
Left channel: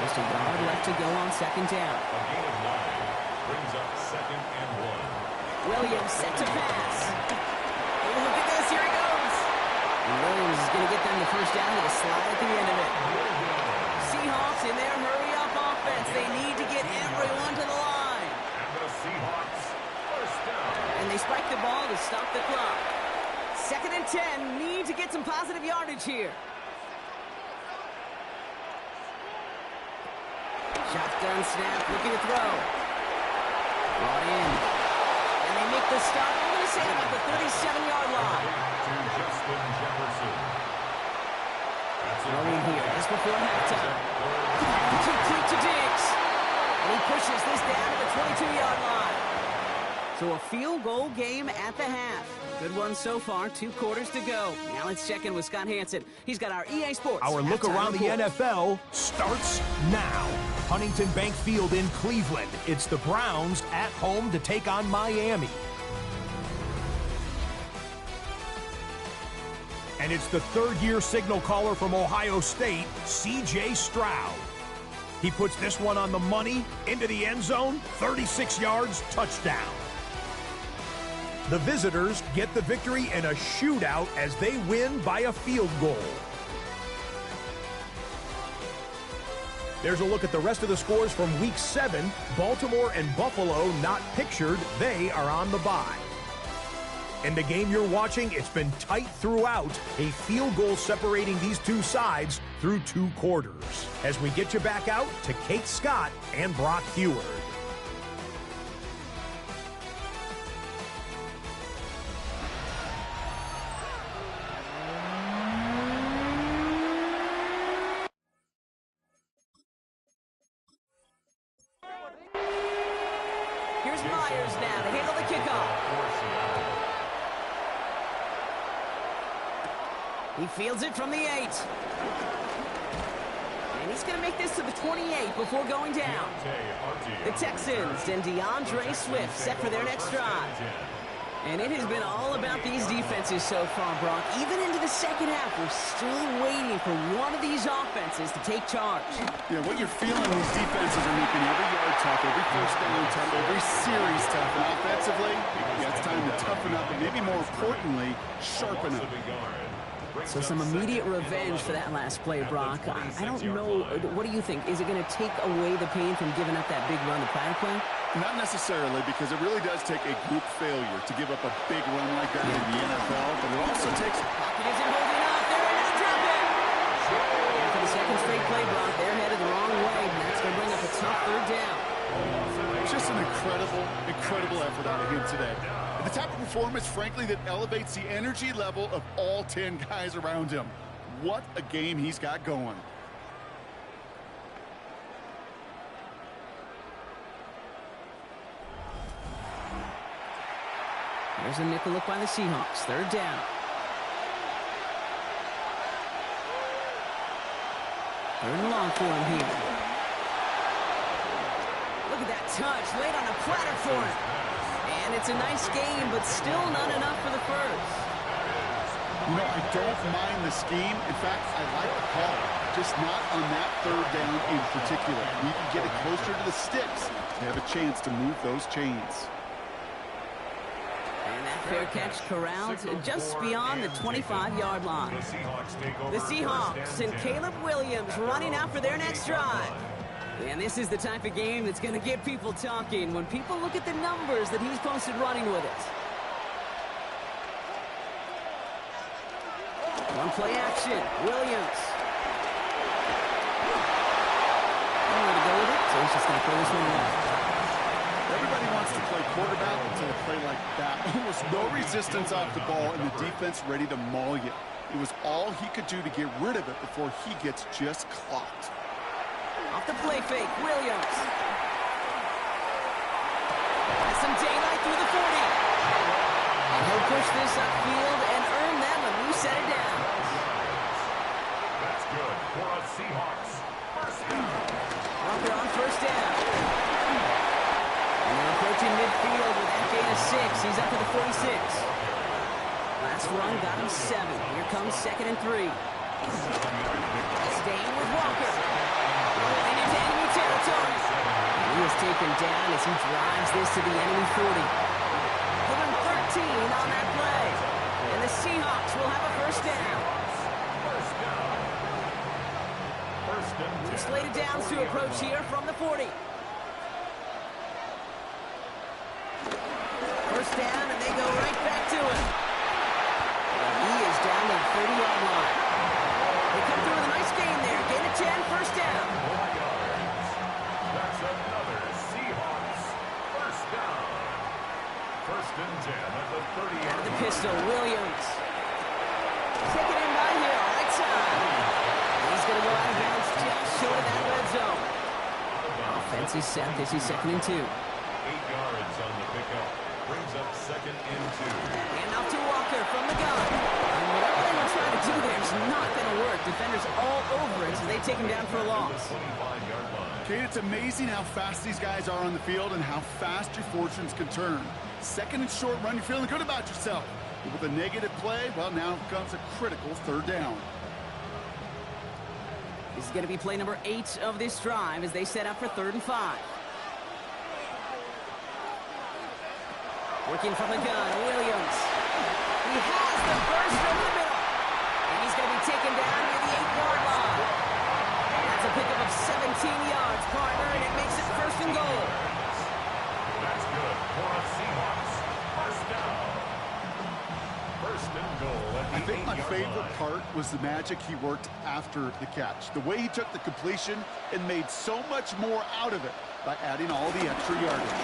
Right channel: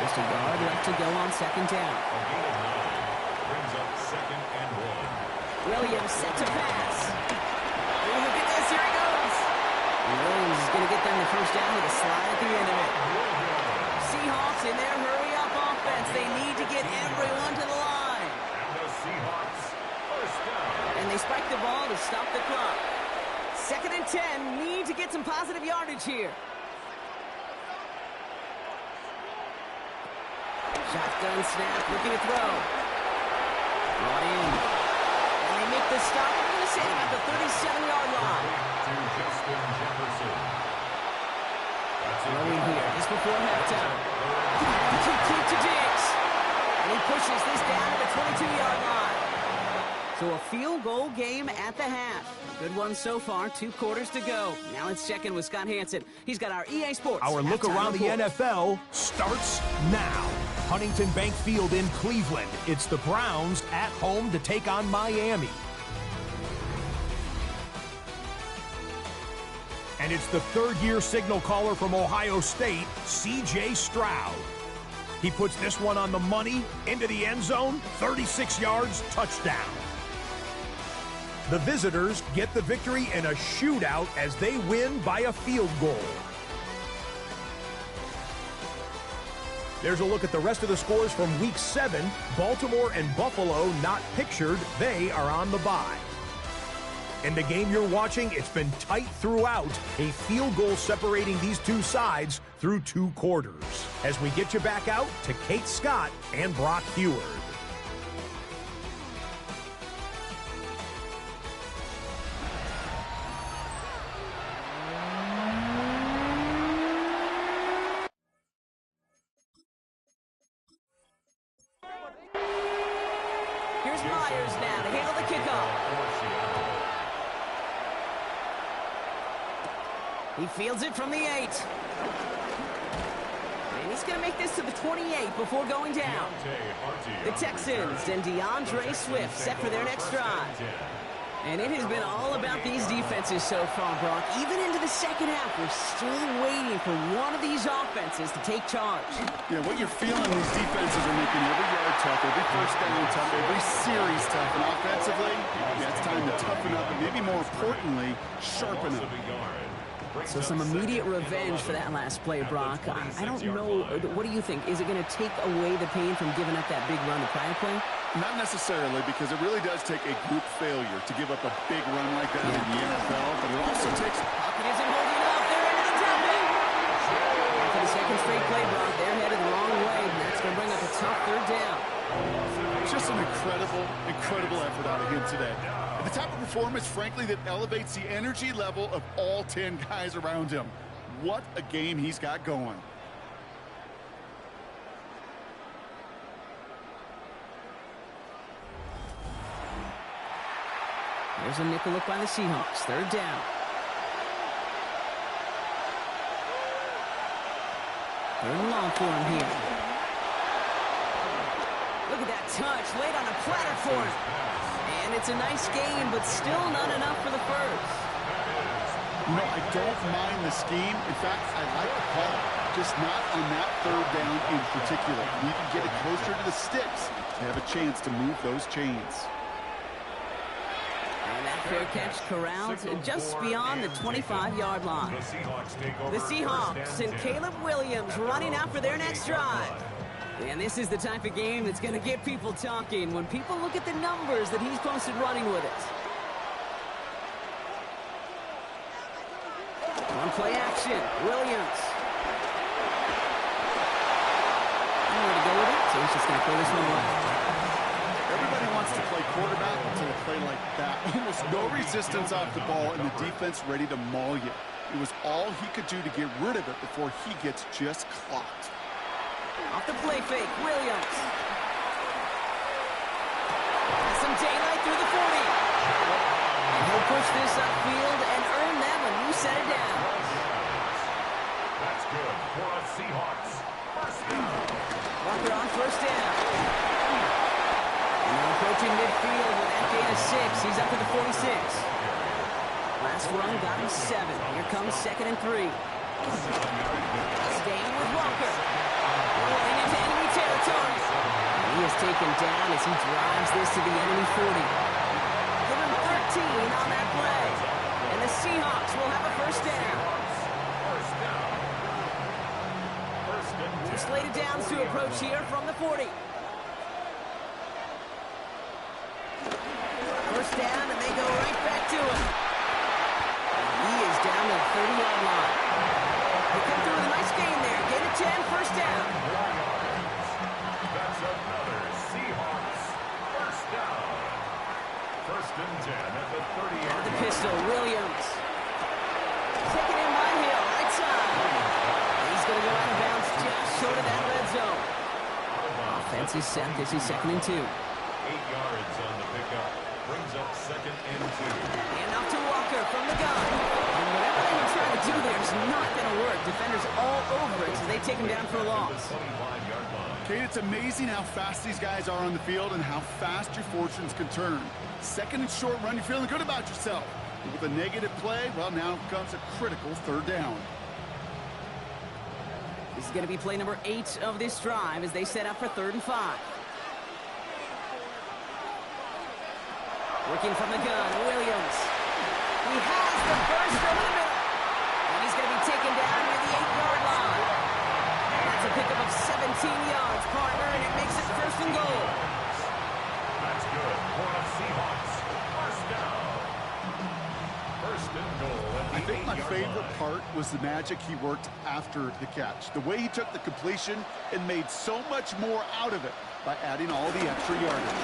Just a yard left to go on second down. A gain of 9 brings up 2nd and 1. Williams set to pass. Oh, look at this. Here he goes. And Williams is going to get them the first down with a slide at the end of it. Seahawks in their hurry-up offense. They need to get everyone to the line. And the Seahawks first down. And they spike the ball to stop the clock. 2nd and 10. Need to get some positive yardage here. Shotgun snap, looking to throw. Brought in. And they make the stop. I'm going to say about the 37-yard line. To Justin Jefferson. Throwing here just before halftime. Complete to Diggs. And he pushes this down to the 22-yard line. So a field goal game at the half. Good one so far. 2 quarters to go. Now let's check in with Scott Hansen. He's got our EA Sports. Our look halftime around report. the NFL starts now. Huntington Bank Field in Cleveland. It's the Browns at home to take on Miami. And it's the third-year signal caller from Ohio State, C.J. Stroud. He puts this one on the money, into the end zone, 36 yards, touchdown. The visitors get the victory in a shootout as they win by a field goal. There's a look at the rest of the scores from Week 7. Baltimore and Buffalo not pictured. They are on the bye. In the game you're watching, it's been tight throughout. A field goal separating these two sides through 2 quarters. As we get you back out to Kate Scott and Brock Heward. Here's Myers now to handle the kickoff. He fields it from the 8. And he's going to make this to the 28 before going down. The Texans and DeAndre Swift set for their next drive. And it has been all about these defenses so far, Brock. Even into the second half, we're still waiting for one of these offenses to take charge. Yeah, what you're feeling, these defenses are making every yard tough, every first down tough, every series tough. And offensively, yeah, it's time to toughen up and maybe more importantly, sharpen up. So some immediate revenge for that last play, Brock. I don't know. What do you think? Is it going to take away the pain from giving up that big run the prior play? Not necessarily, because it really does take a group failure to give up a big run like that in the NFL, but it also takes... Pocket isn't holding up. They're into the drop it. And for the second straight play, Brock, they're headed the wrong way, and that's going to bring up a tough third down. Just an incredible effort out of him today. And the type of performance, frankly, that elevates the energy level of all 10 guys around him. What a game he's got going. There's a nickel look by the Seahawks. Third down. Third and long for him here. Look at that touch. Laid on a platter for him. And it's a nice game, but still not enough for the first. You know, I don't mind the scheme. In fact, I like the call. Just not on that third down in particular. You need to get it closer to the sticks to have a chance to move those chains. And that fair catch corralled just beyond the 25-yard line. The Seahawks and Caleb Williams running out for their next drive. And this is the type of game that's going to get people talking when people look at the numbers that he's posted running with it. One play action. Williams. Nowhere to go with it, so he's just going to throw this one away. Everybody wants to play quarterback until they play like that. Almost no resistance off the ball and the defense ready to maul you. It was all he could do to get rid of it before he gets just clocked. Off the play fake, Williams. Get some daylight through the 40. And he'll push this upfield and earn them a new set of downs. That's good for a Seahawks first down. Walker on first down. And they're approaching midfield with that gain of 6. He's up to the 46. Last run got him 7. Here comes 2nd and 3. Staying with Walker. Rolling into enemy territory. And he is taken down as he drives this to the enemy 40. Give him 13 on that play. And the Seahawks will have a first down. First down. First and 10. Slated downs to approach here from the 40. First down, and they go right back to him. And he is down to the 30-yard line. They come through with a nice gain there. Gain of 10, first down. 4 yards. That's another Seahawks first down. First and 10 at the 30-yard The line. pistol, Williams. Taken in by Hill, right side. He's going to go out of bounds just short of that red zone. Offense is set. This is 2nd and 2. 8 yards on the pickup. Brings up 2nd and 2. And off to Walker from the gun. And whatever they were trying to do there is not going to work. Defenders all over it, so they take him down for a loss. 25-yard line. Kate, it's amazing how fast these guys are on the field and how fast your fortunes can turn. 2nd and short run, you're feeling good about yourself. But with a negative play, well, now comes a critical 3rd down. This is going to be play number 8 of this drive as they set up for 3rd and 5. Working from the gun, Williams. He has the burst over the middle. And he's going to be taken down near the 8-yard line. That's a pickup of 17 yards, partner, and it makes it 1st and goal. That's good for a Seahawks first down. 1st and goal at the 8-yard line. I think my favorite part was the magic he worked after the catch. The way he took the completion and made so much more out of it by adding all the extra yardage.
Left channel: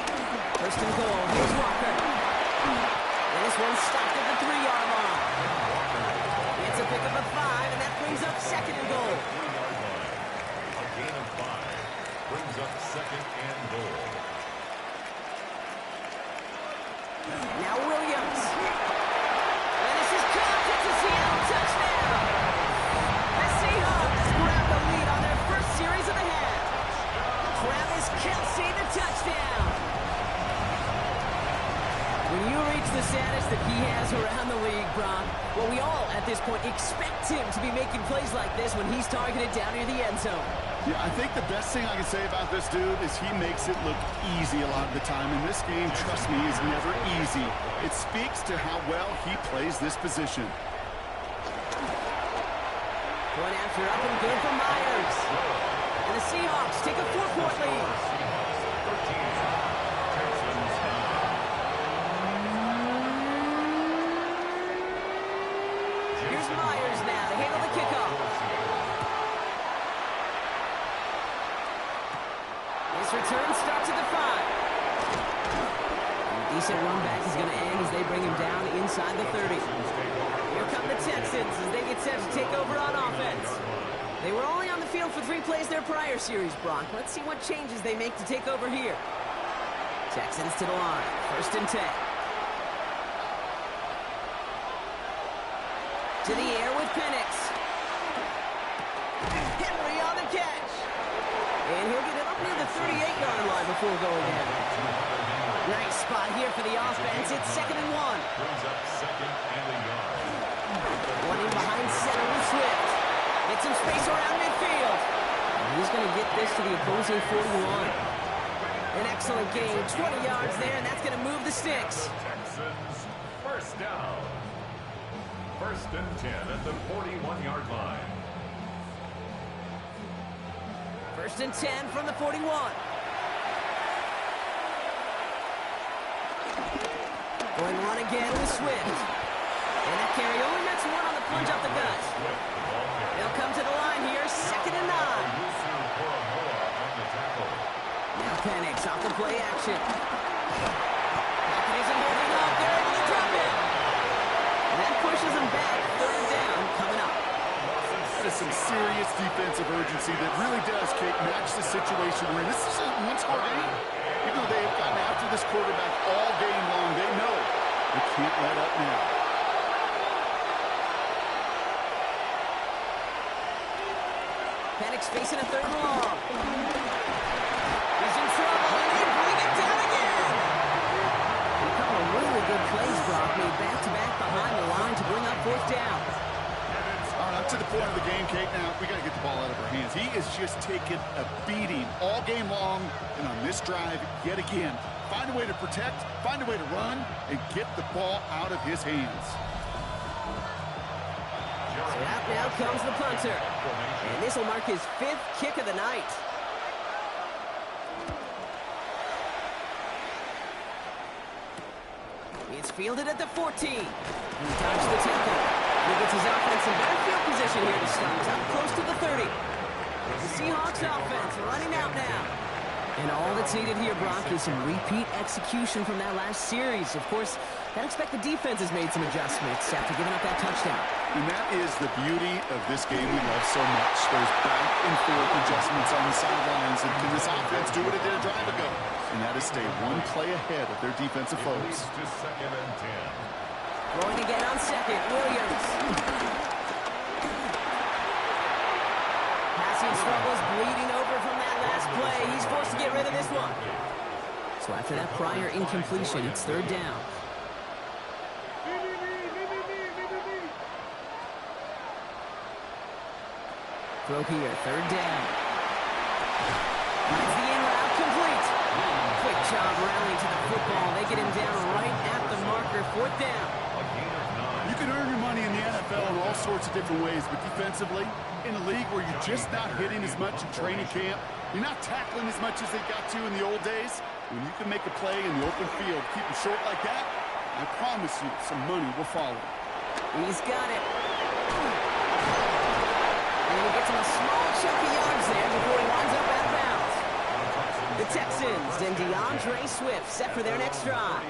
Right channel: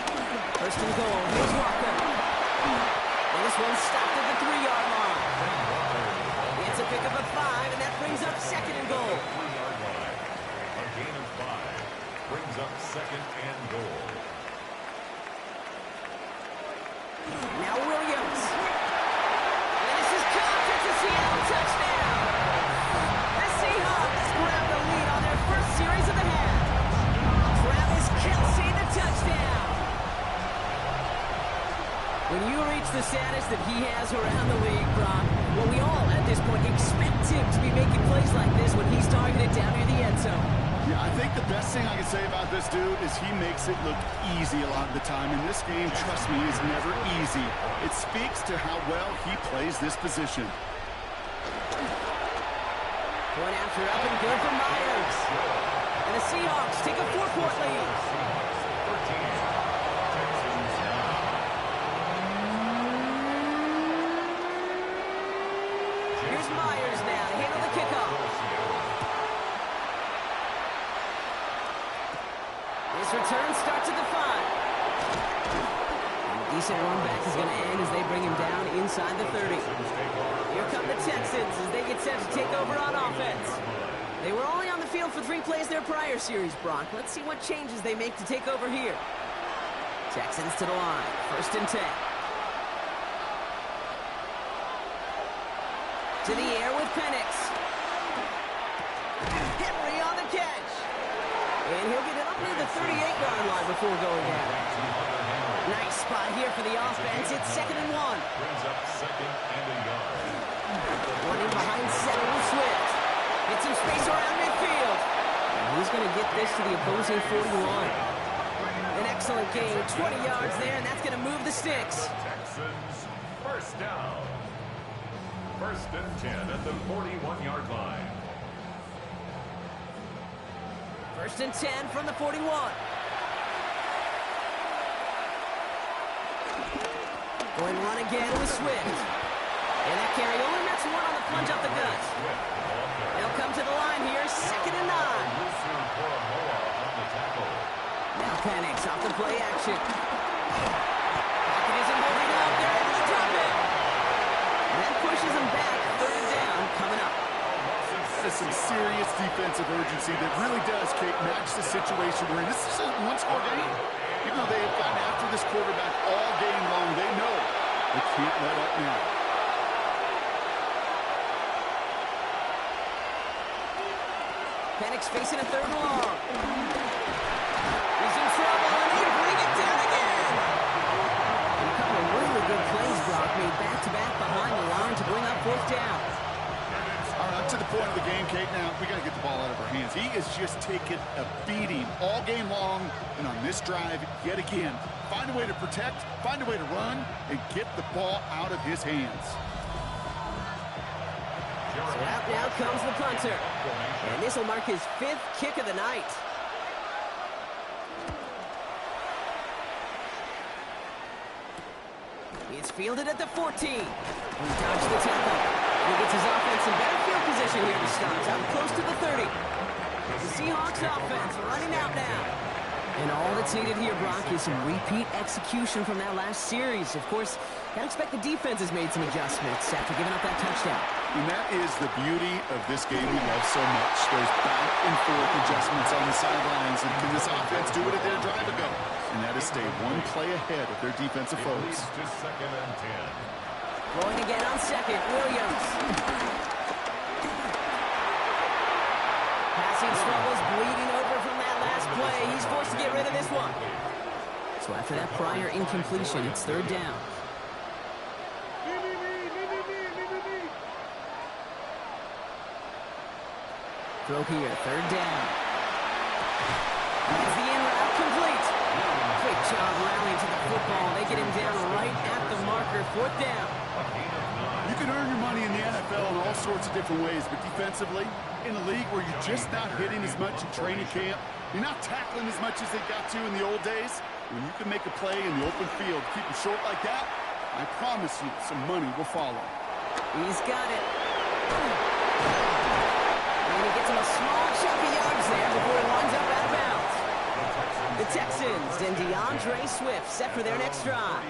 1st and goal. Here's Walker. And this one stopped at the 3-yard line. It's a pickup of 5, and that brings up 2nd and goal. 3-yard line. A gain of 5 brings up 2nd and goal. Now Williams. And this is caught. It's a Seattle touchdown. The Seahawks grab the lead on their first series of the half. Travis Kelce, the touchdown. When you reach the status that he has around the league, Brock, well, we all at this point expect him to be making plays like this when he's targeted down near the end zone. Yeah, I think the best thing I can say about this dude is he makes it look easy a lot of the time. And this game, trust me, is never easy. It speaks to how well he plays this position. Point after up and good for Myers. And the Seahawks take a 4-point lead. Seahawks 13. Texans 9. Here's Myers now to handle the kickoff. This return starts at the 5. And a decent run back is going to end as they bring him down inside the 30. Here come the Texans as they get set to take over on offense. They were only on the field for 3 plays their prior series, Brock. Let's see what changes they make to take over here. Texans to the line. 1st and 10. To the air with Penix. Henry on the catch. And he'll get it up near the 38-yard line before going down. Nice spot here for the offense. It's 2nd and 1. Brings up 2nd and a yard. One in behind center with Swift. Get some space around midfield. And he's going to get this to the opposing 41. An excellent gain. 20 yards there, and that's going to move the sticks. Texans first down. 1st and 10 at the 41-yard line. 1st and 10 from the 41. Going run again with Swift. And that carry only nets 1 on the plunge up the gut. They'll come to the line here, 2nd and 9. Now Penix off the play action. Pocket isn't holding up. They're able to drop it. And that pushes them back. 3rd down coming up. That is some serious defensive urgency that really does, Kate, match the situation we're in. This is a one-score game. Even though they have gotten after this quarterback all game long, they know they can't let up now. Penix facing a third and long. He's in trouble, and they bring it down again. And a couple of really good plays, Brock, made back-to-back behind the line to bring up fourth down. All right, up to the point of the game, Kate. Now, we got to get the ball out of our hands. He is just taking a beating all game long, and on this drive, yet again, find a way to protect, find a way to run, and get the ball out of his hands. So out now comes the punter. And this will mark his 5th kick of the night. It's fielded at the 14. He dodged the tackle. He gets his offense in better field position here to start. Up close to the 30. The Seahawks offense running out now. And all that's needed here, Brock, is some repeat execution from that last series. Of course, gotta expect the defense has made some adjustments after giving up that touchdown. And that is the beauty of this game we love so much. Those back and forth adjustments on the sidelines. And can this offense do what it did a drive ago? And that is stay one play ahead of their defensive foes. To 2nd and 10. Throwing again on second, Williams. Passing struggles, bleeding over from that last play. He's forced to get rid of this one. So after that prior incompletion, it's third down. Throw here, third down. Finds the in route complete. Quick job rallying to the football. They get him down right at the marker, fourth down. You can earn your money in the NFL in all sorts of different ways, but defensively, in a league where you're just not hitting as much in training camp, you're not tackling as much as they got to in the old days, when you can make a play in the open field, keep them short like that, I promise you some money will follow. He's got it. And he gets him a small chunk of yards there before he winds up out of bounds. The Texans and DeAndre Swift set for their next drive.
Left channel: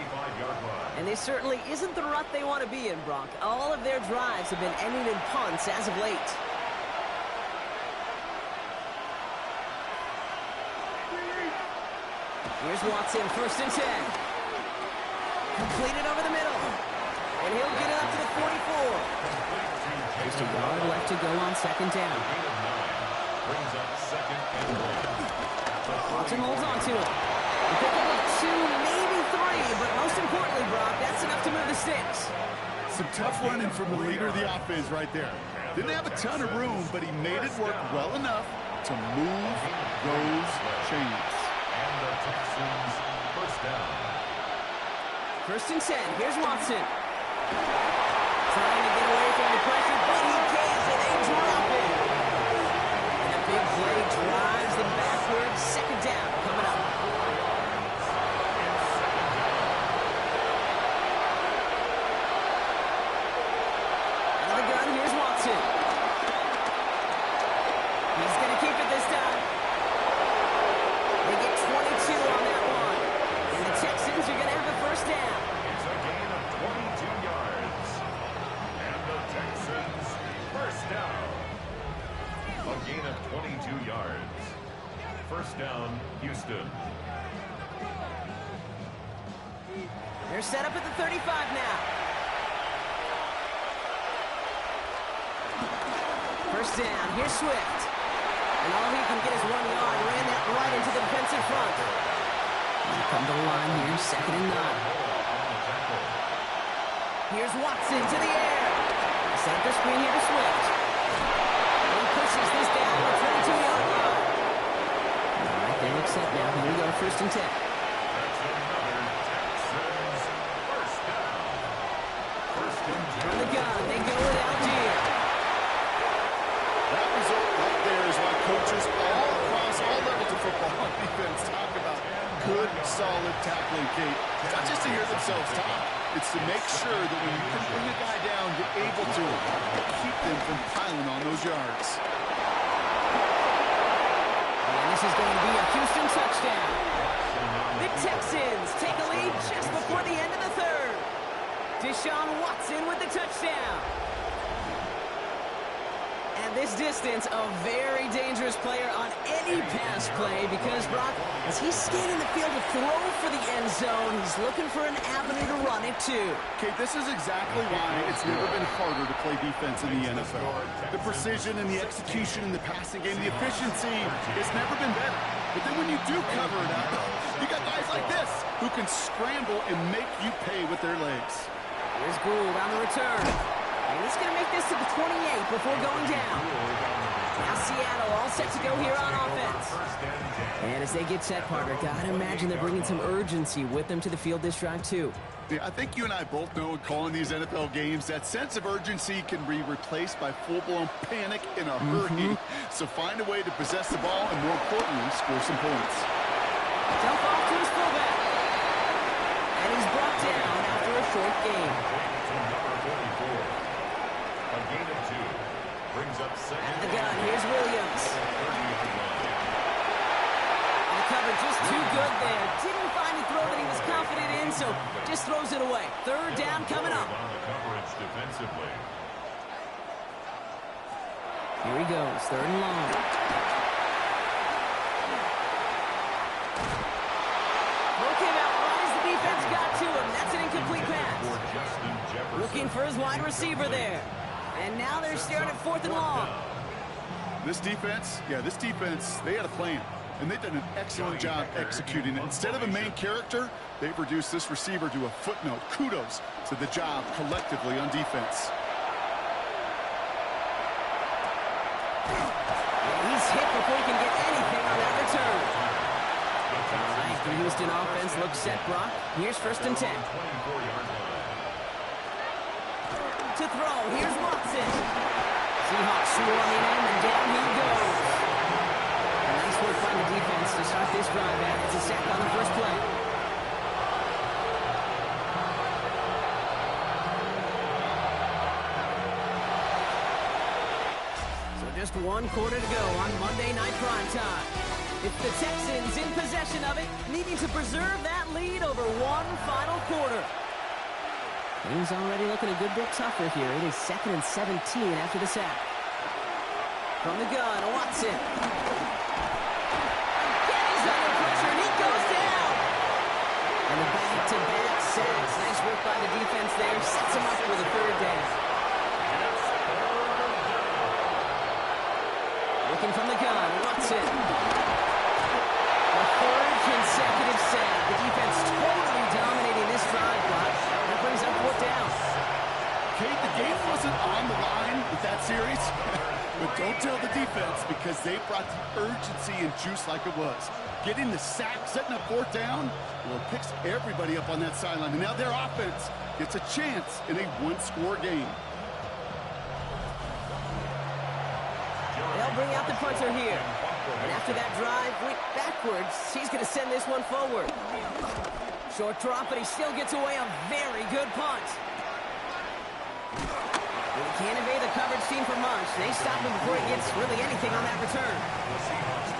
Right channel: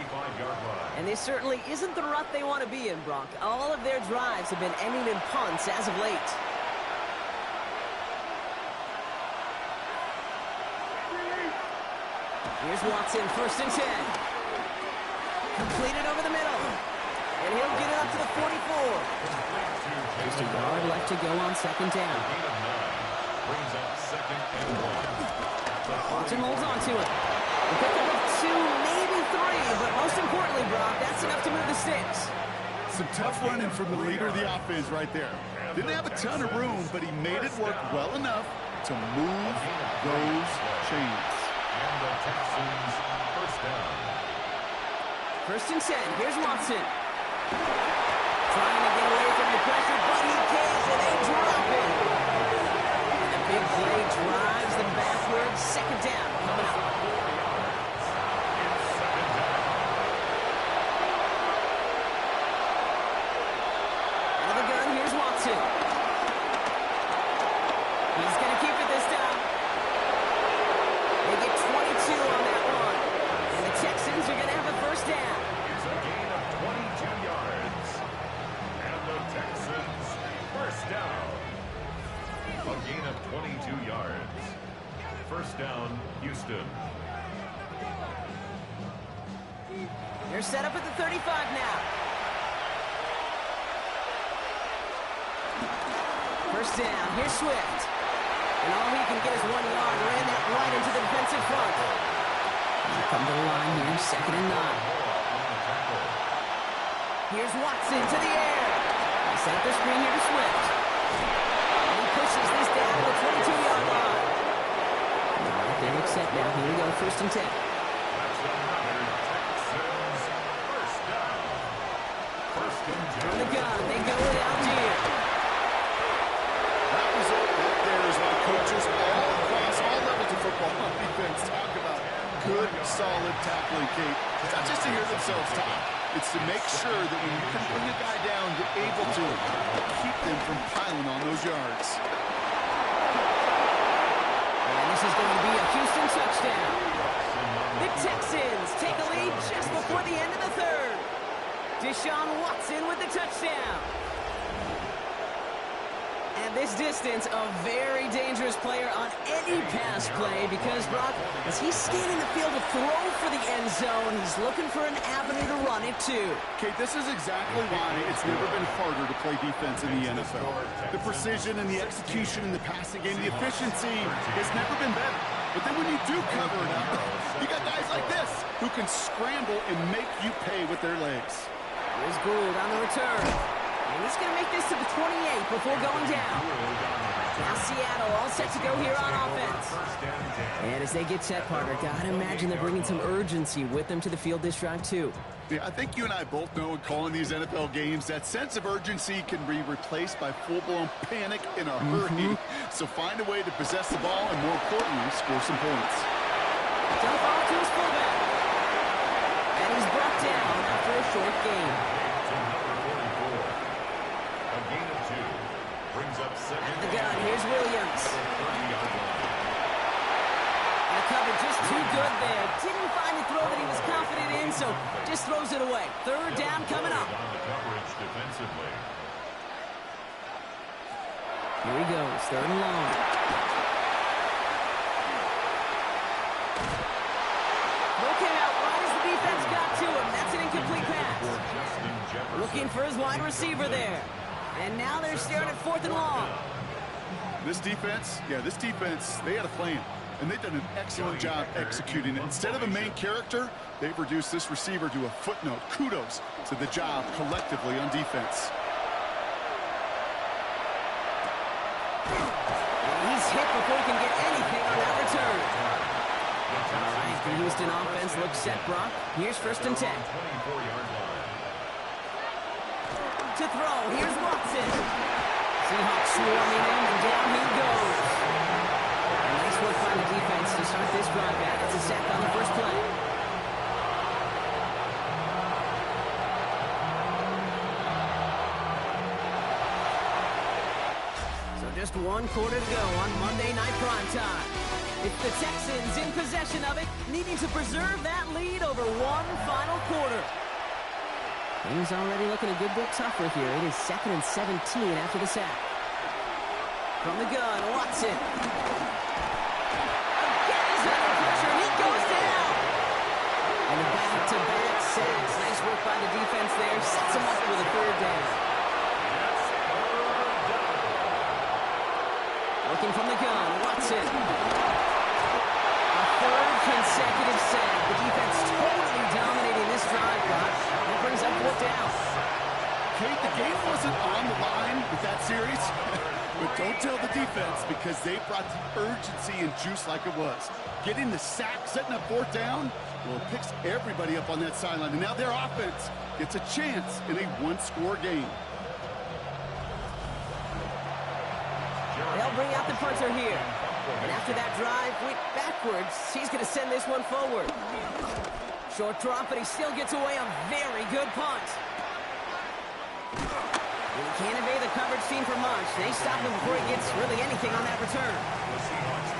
And this certainly isn't the rut they want to be in, Brock. All of their drives have been ending in punts as of late. Here's Watson, 1st and 10. Completed over the middle. And he'll get it up to the 44. Just a yard left to go on 2nd down. Brings up 2nd and 1. Watson holds on to it. A pickup of 2, maybe 3, but most importantly, Brock, that's enough to move the sticks. Some tough running from the leader of the offense right there. Didn't have a ton of room, but he made it work well enough to move those chains. And the Texans 1st down. 1st and 10. Here's Watson. Trying to get away from the pressure, but he can't, and they drop it. And the big play drives them backwards. 2nd down coming up. 4 yards. It's 2nd down. Out of the gun, here's Watson. He's going to keep it this time. They get 22 on that one. And the Texans are going to have a 1st down. It's a gain of 22 yards. And the Texans 1st down. A gain of 22 yards. 1st down, Houston. They're set up at the 35 now. 1st down. Here's Swift. And all he can get is 1 yard. Ran that right into the defensive front. They come to the line here, 2nd and 9. Here's Watson to the air. They set up the screen here to Swift. And he pushes this down to the 22-yard line. All right, they look set now. Here we go, 1st and 10. That's another Texans 1st down. 1st and 10. From the gun, they go with Algier. That result right there is why coaches all across all levels of football on defense talk about good, solid tackling, Kate. It's not just to hear themselves talk. It's to make sure that when you can bring a guy down, you're able to keep them from piling on those yards. And this is going to be a Houston touchdown. The Texans take a lead just before the end of the 3rd. Deshaun Watson with the touchdown. And at this distance, a very dangerous player on any pass play because, Brock, as he's scanning the field to throw for the end zone, he's looking for an avenue to run it too. Kate, this is exactly why it's never been harder to play defense in the NFL. The precision and the execution in the passing game, the efficiency has never been better. But then when you do cover it up, you got guys like this who can scramble and make you pay with their legs. Here's Gould on the return. And he's going to make this to the 28 before going down. Now Seattle all set to go here on offense. And as they get set, partner, gotta imagine they're bringing some urgency with them to the field this drive too. Yeah, I think you and I both know in calling these NFL games, that sense of urgency can be replaced by full-blown panic in a hurry. So find a way to possess the ball and, more importantly, score some points. Dump off to his fullback. And he's brought down after a short game. To number 44. A gain of 2. Brings up second. At the gun, here's Williams. 30-yard line. And the cover just too good there. Didn't find the throw that he was confident in, so just throws it away. Third down coming up. On the coverage defensively. Here he goes, third and long. Throw came out right as the defense got to him. That's an incomplete pass. Looking for his wide receiver there. And now they're staring at fourth and long. This defense, they had a plan. And they've done an excellent job executing it. Instead of a main character, they've reduced this receiver to a footnote. Kudos to the job collectively on defense. And he's hit before he can get anything on that return. All right, the Houston offense looks set, Brock. Here's first and 10. 24-yard line. To throw, here's Watson. Seahawks swarming him, and down he goes. And nice work by the defense to start this drive out. It's a sack on the first play. So just one quarter to go on Monday Night Primetime. It's the Texans in possession of it, needing to preserve that lead over one final quarter. Things already looking a good bit tougher here. It is 2nd and 17 after the sack. From the gun, Watson. Again, he's under pressure, and he goes down. And the back-to-back sacks. Nice work by the defense there. Sets him up with a third down. Looking from the gun, Watson. A third consecutive sack. The defense totally dominating this drive, Brock. That brings up fourth down. Kate, the game wasn't on the line with that series. But don't tell the defense, because they brought the urgency and juice like it was. Getting the sack, setting up fourth down, well, it picks everybody up on that sideline. And now their offense gets a chance in a one-score game. They'll bring out the punter here. And after that drive went backwards, he's going to send this one forward. Short drop, but he still gets away a very good punt. And he can't evade the coverage team for much. They stop him before he gets really anything on that return.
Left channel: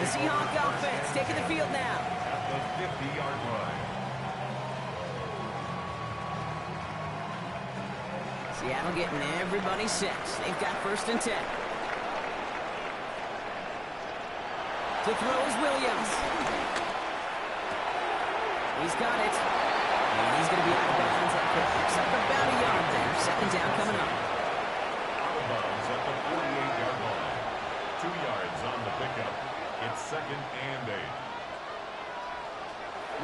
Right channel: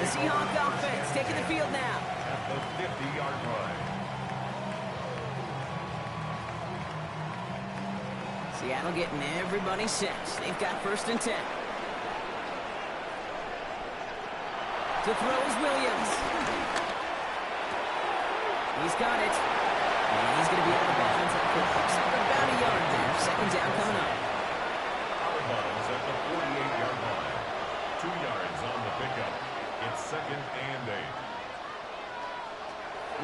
The Seahawks offense taking the field now. At the 50-yard line. Seattle getting everybody set. They've got first and 10. To throw is Williams. He's got it. And he's going to be out of bounds after it picks up about a yard there. Second down coming up. Out of bounds at the 48-yard line. 2 yards on the pickup. It's 2nd and 8.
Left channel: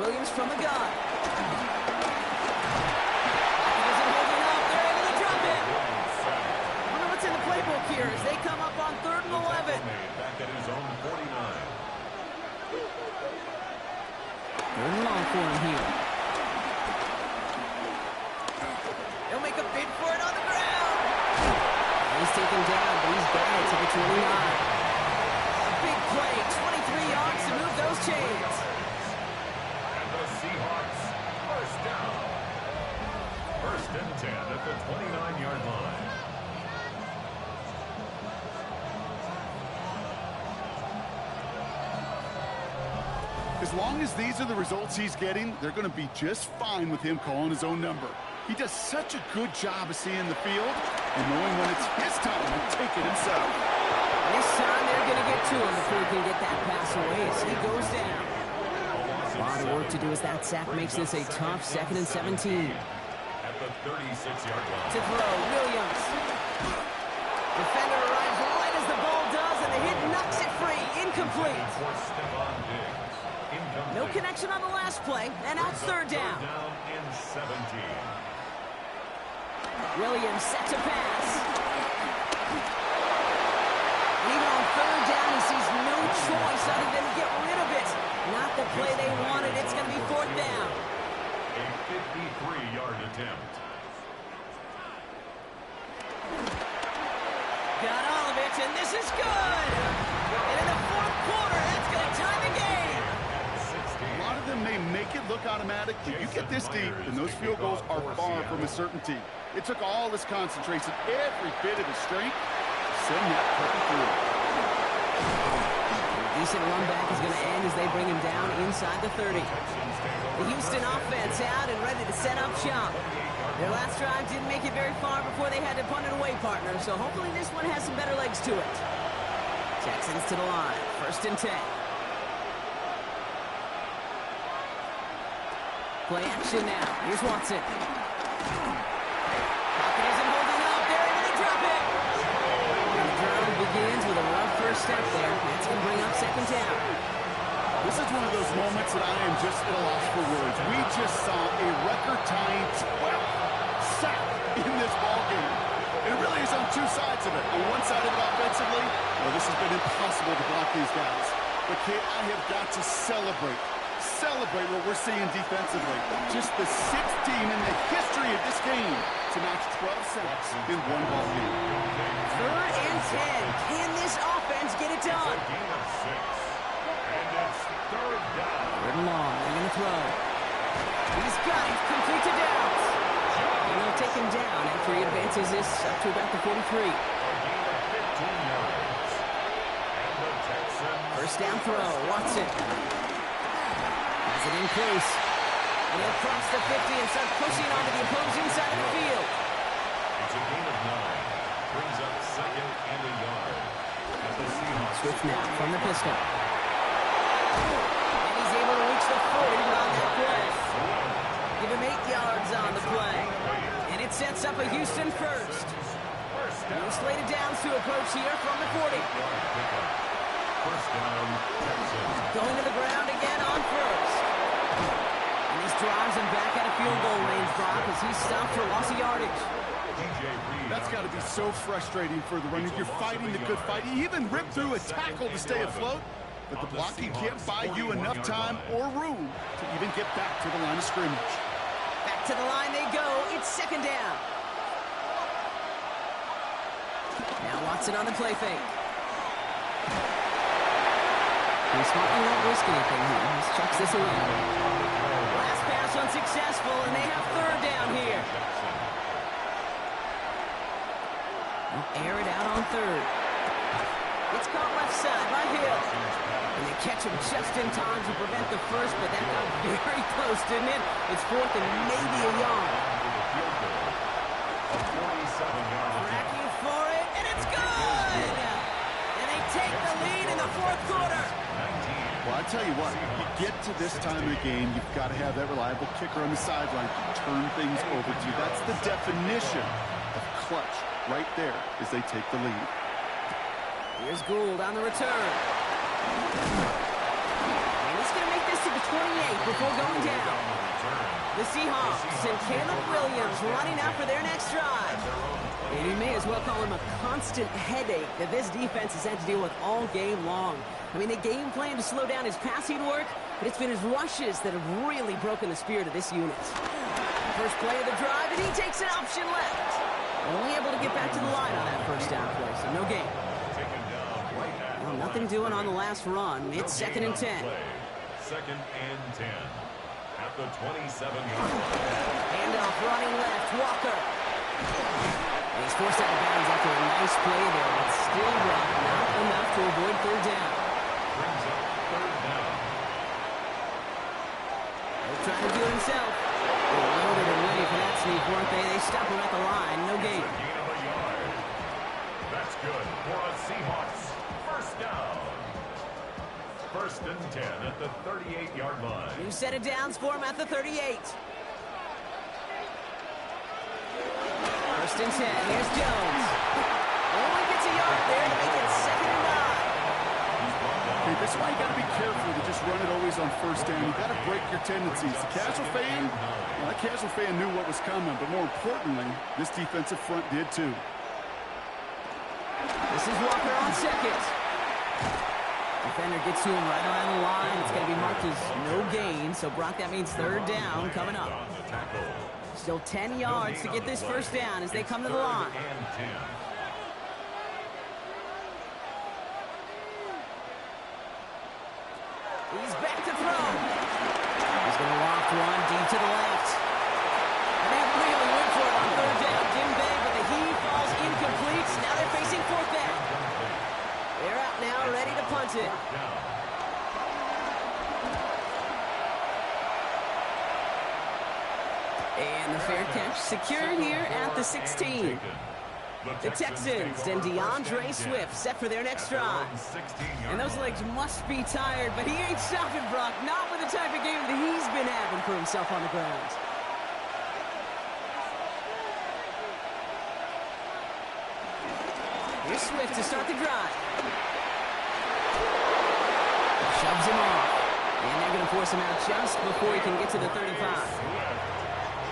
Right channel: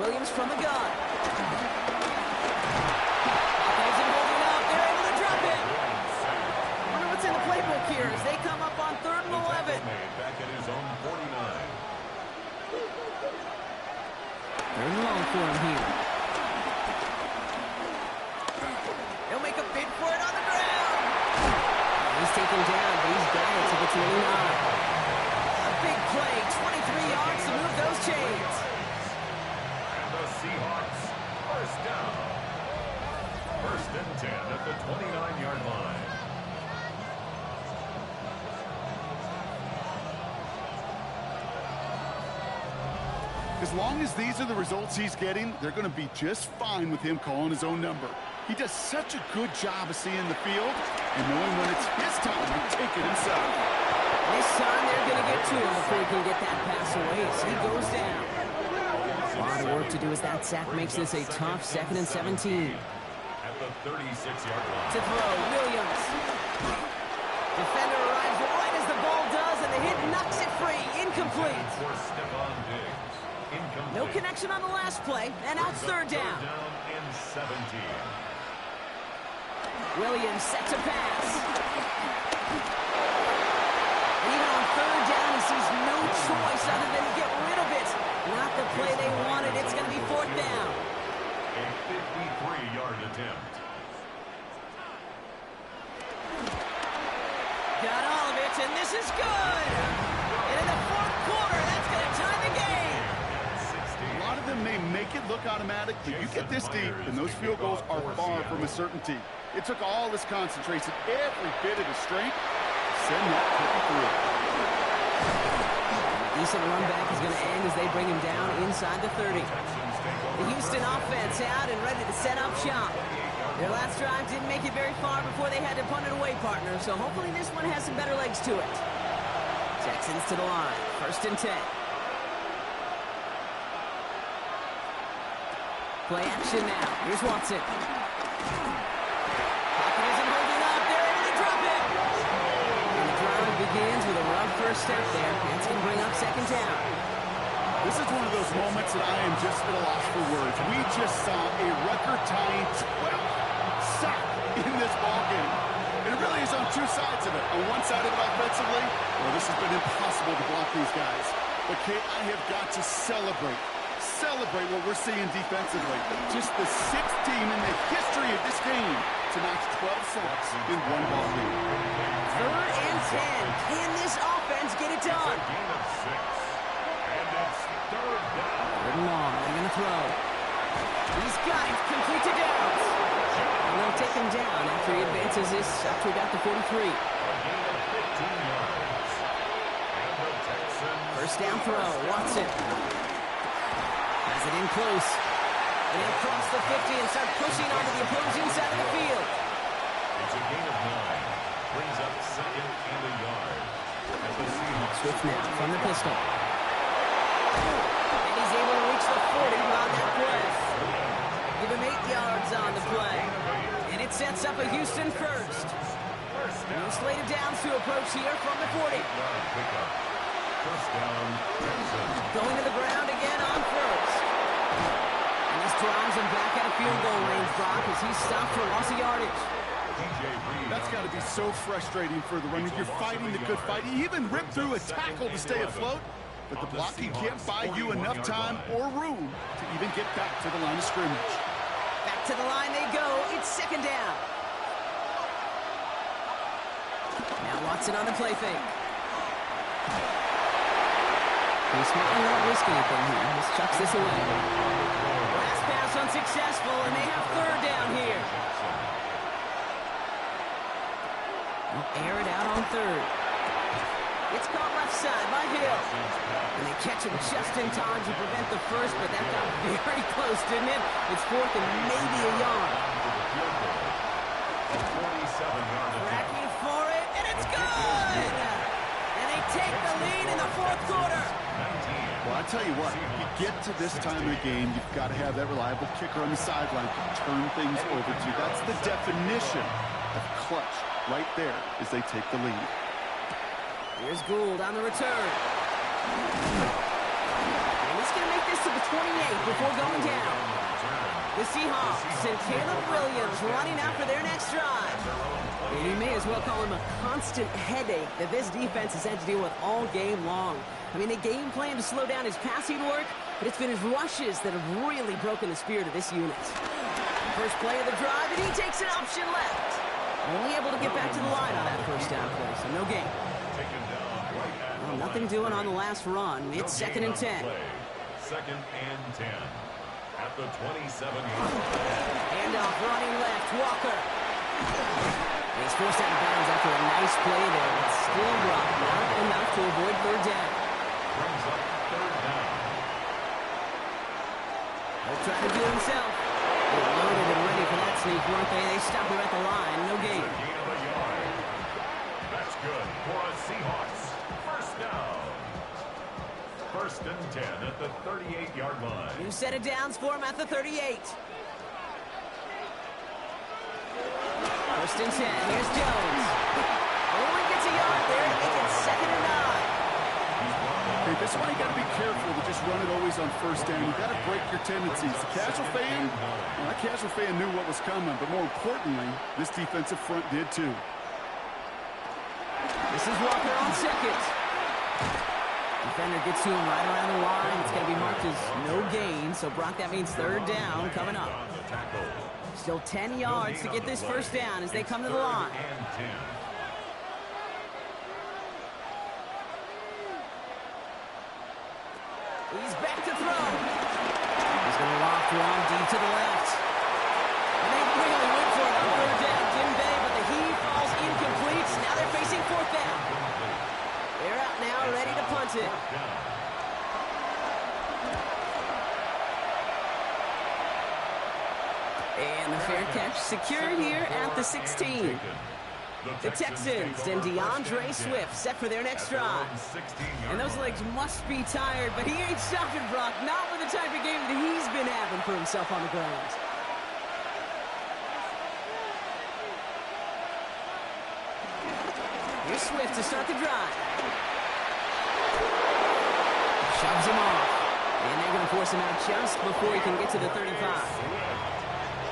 Williams from the gun. Pocket isn't holding up. They're able to drop it. Wonder what's in the playbook here as they come up on 3rd and 11. Back at his own 49. 3rd and long for him here. He'll make a bid for it on the ground. He's taken down, but he's got it to the 29. A big play, 23 yards to move those chains. And the Seahawks, first down. 1st and 10 at the 29-yard line. As long as these are the results he's getting, they're going to be just fine with him calling his own number. He does such a good job of seeing the field and knowing when it's his time to take it himself. to him before he can get that pass away as he goes down. A lot of work to do as that sack makes this a tough 2nd and 17. At the 36-yard line. To throw, Williams. Defender arrives right as the ball does, and the hit knocks it free. Incomplete. For Stephon Diggs. Incomplete. No connection on the last play, and out third down. Third down and 17. Williams set to pass. And even on third down, he sees no choice other than to get rid of it. Not the play they wanted. It's going to be 4th down. A 53-yard attempt. Got all of it, and this is good. And in the 4th quarter, that's going to tie the game. A lot of them may make it look automatic, but you get this deep, and those field goals are far from a certainty. It took all his concentration, every bit of his strength, to send that puppy through. A decent run back is going to end as they bring him down inside the 30. The Houston offense out and ready to set up shop. Their last drive didn't make it very far before they had to punt it away, partner, so hopefully this one has some better legs to it. Texans to the line, 1st and 10. Play action now. Here's Watson. Pocket isn't holding up. They're able to drop it. And the drive begins with a rough first step there. That's going to bring up 2nd down. This is one of those moments that I am just at a loss for words. We just saw a record-tying 12th sack in this ball game. And it really is on two sides of it. On one side of it offensively, well, this has been impossible to block these guys. But, Kate, I have got to celebrate what we're seeing defensively. Just the 6th team in the history of this game to notch 12 sacks in one ball game. 3rd and 10. Can this offense get it done? It's a gain of 6. And it's 3rd down. 3rd and long. They're going to throw. He's got it. Complete to Downs. And they'll take him down after he advances this up to about the 43. A gain of 15 yards. And the Texans. 1st down throw. Watson. Has it in close. And he'll cross the 50 and start pushing onto the opposing side of the field. It's a gain of 9. Brings up 2nd and a yard. As the Seahawks. Swift now from the pistol. And he's able to reach the 40 on that play. Give him 8 yards on the play. And it sets up a Houston first. No slated downs to approach here from the 40. Yard pickup. 1st down, Texans. Going to the ground again on 1st. And this drives him back at a field goal range, Brock, as he's stopped for loss of yardage. That's got to be so frustrating for the runner. You're fighting the good fight. You even ripped through a tackle to stay afloat, but the blocking can't buy you enough time or room to even get back to the line of scrimmage. Back to the line they go. It's 2nd down. Now Watson on the play fake. He's smart and not risk anything here. Just chucks this away. Last pass unsuccessful, and they have 3rd down here. They'll air it out on 3rd. It's caught left side by Hill. And they catch him just in time to prevent the first, but that got very close, didn't it? It's 4th and maybe a yard. A 47-yard attempt. Tracking for it, and it's good! And they take the lead in the 4th quarter. Well, I tell you what, you get to this time of the game, you've got to have that reliable kicker on the sideline to turn things over to. That's the definition of clutch right there as they take the lead. Here's Gould on the return. And he's going to make this to the 28 before going down. The Seahawks and Caleb Williams running out for their next drive. And you may as well call him a constant headache that this defense has had to deal with all game long. I mean, they game plan to slow down his passing work, but it's been his rushes that have really broken the spirit of this unit. First play of the drive, and he takes an option left. Only able to get back to the line on that 1st down play, so no gain. Well, nothing doing on the last run. It's 2nd and 10. 2nd and 10. At the 27-yard line. Handoff running left, Walker. And he's forced out of bounds after a nice play there, but still dropped, not enough to avoid 3rd down. Brings up 3rd down. He'll try to do it himself. They were loaded and ready for that sneak, weren't they? They stop him at the line, no gain. It's a gain of a yard. That's good for a Seahawks 1st down. first and 10 at the 38-yard line. New set of downs for him at the 38. First and 10. Here's Jones. Only gets a yard there to make it 2nd and 9. Okay, this is why you got to be careful to just run it always on first down. You got to break your tendencies. The casual fan, well, that casual fan knew what was coming, but more importantly, this defensive front did too. This is Walker on 2nd. Defender gets to him right around the line. It's going to be marked as no gain. So, Brock, that means 3rd down coming up. Still 10 yards to get this first down as they come to the line. He's back to throw. He's going to loft one deep to the left. And they really went for it on 3rd down, didn't they? But the heave falls incomplete. Now they're facing 4th down. They're out now, ready to punt it. And the fair catch secured here at the 16. The Texans and DeAndre Swift set for their next drive. And those legs must be tired, but he ain't stopping, Brock. Not with the type of game that he's been having for himself on the ground. Here's Swift to start the drive. Shoves him off. And they're going to force him out just before he can get to the 35.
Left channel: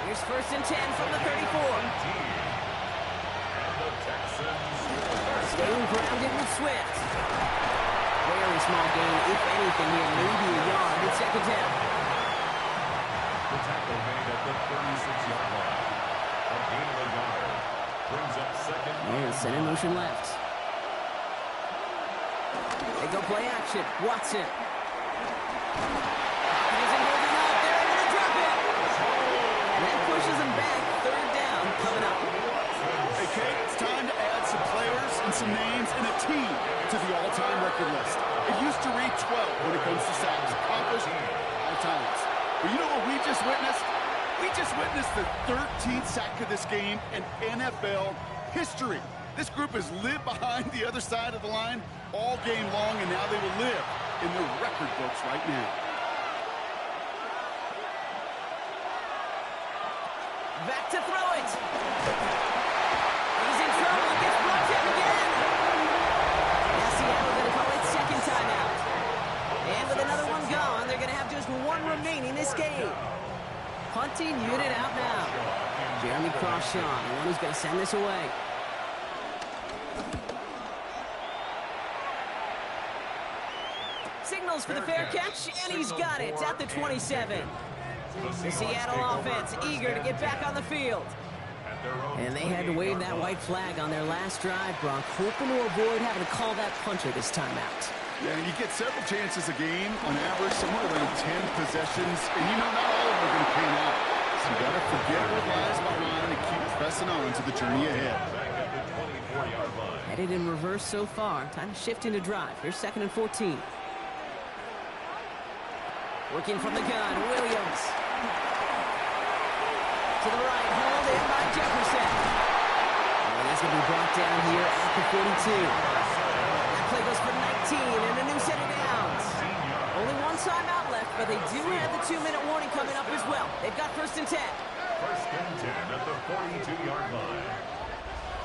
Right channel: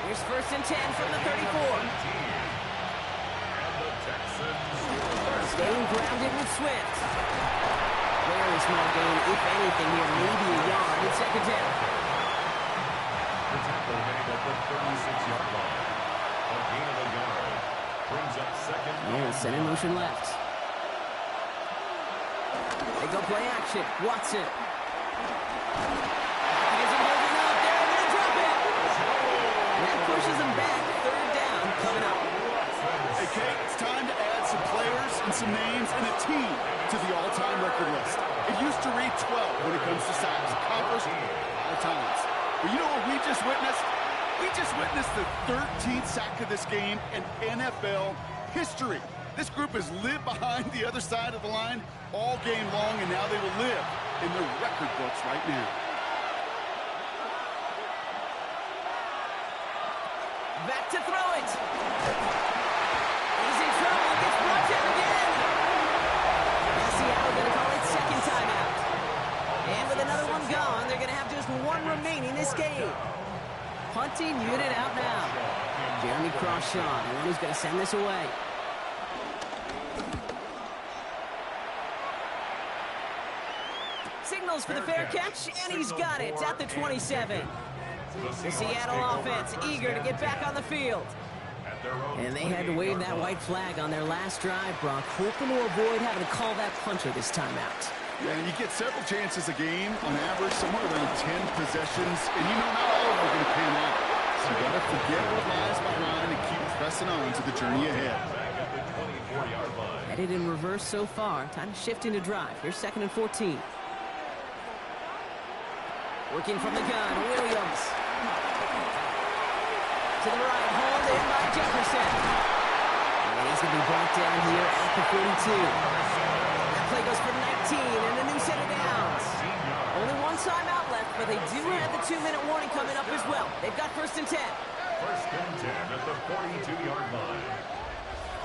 Here's first and 10 from the 34. Staying grounded with Swift. Very small gain, if anything here, maybe a yard at 2nd down. The tackle made at the 36-yard line. A gain of a yard. Brings up 2nd. And set in motion left. They go play action. Watson. Isn't holding up. They're able to drop it. And that pushes them back. 3rd down coming up. Hey, Kate, it's time to add some players and some names and a team to the all-time record list. It used to read 12 when it comes to sacks. Accomplished 5 times. But you know what we just witnessed? We just witnessed the 13th sack of this game in NFL history. This group has lived behind the other side of the line all game long, and now they will live in the record books right now. Back to throw it. He's in trouble. It gets brought down again. Now Seattle going to call it 2nd timeout. And with another one gone, they're going to have just 1 remaining this game. Punting unit out now. Jeremy Crawshaw, the one who's going to send this away. Signals for the fair catch, and he's got it at the 27. The Seattle offense eager to get back on the field. And they had to wave that white flag on their last drive, Brock, hoping to avoid having to call that punter this time out. Yeah, and you get several chances a game, on average, somewhere around 10 possessions, and you know not all of them are going to pan out. So you got to forget what lies behind and keep pressing on to the journey ahead. Headed in reverse so far. Time to shift into drive. Here's 2nd and 14. Working from the gun, Williams. To the right, hauled in by Jefferson. And he's going to be brought down here at the 42. That play goes for 19 and a new set of downs. Only 1 timeout left, but they do have the 2-minute warning coming up as well. They've got first and 10. First and 10 at the 42-yard line.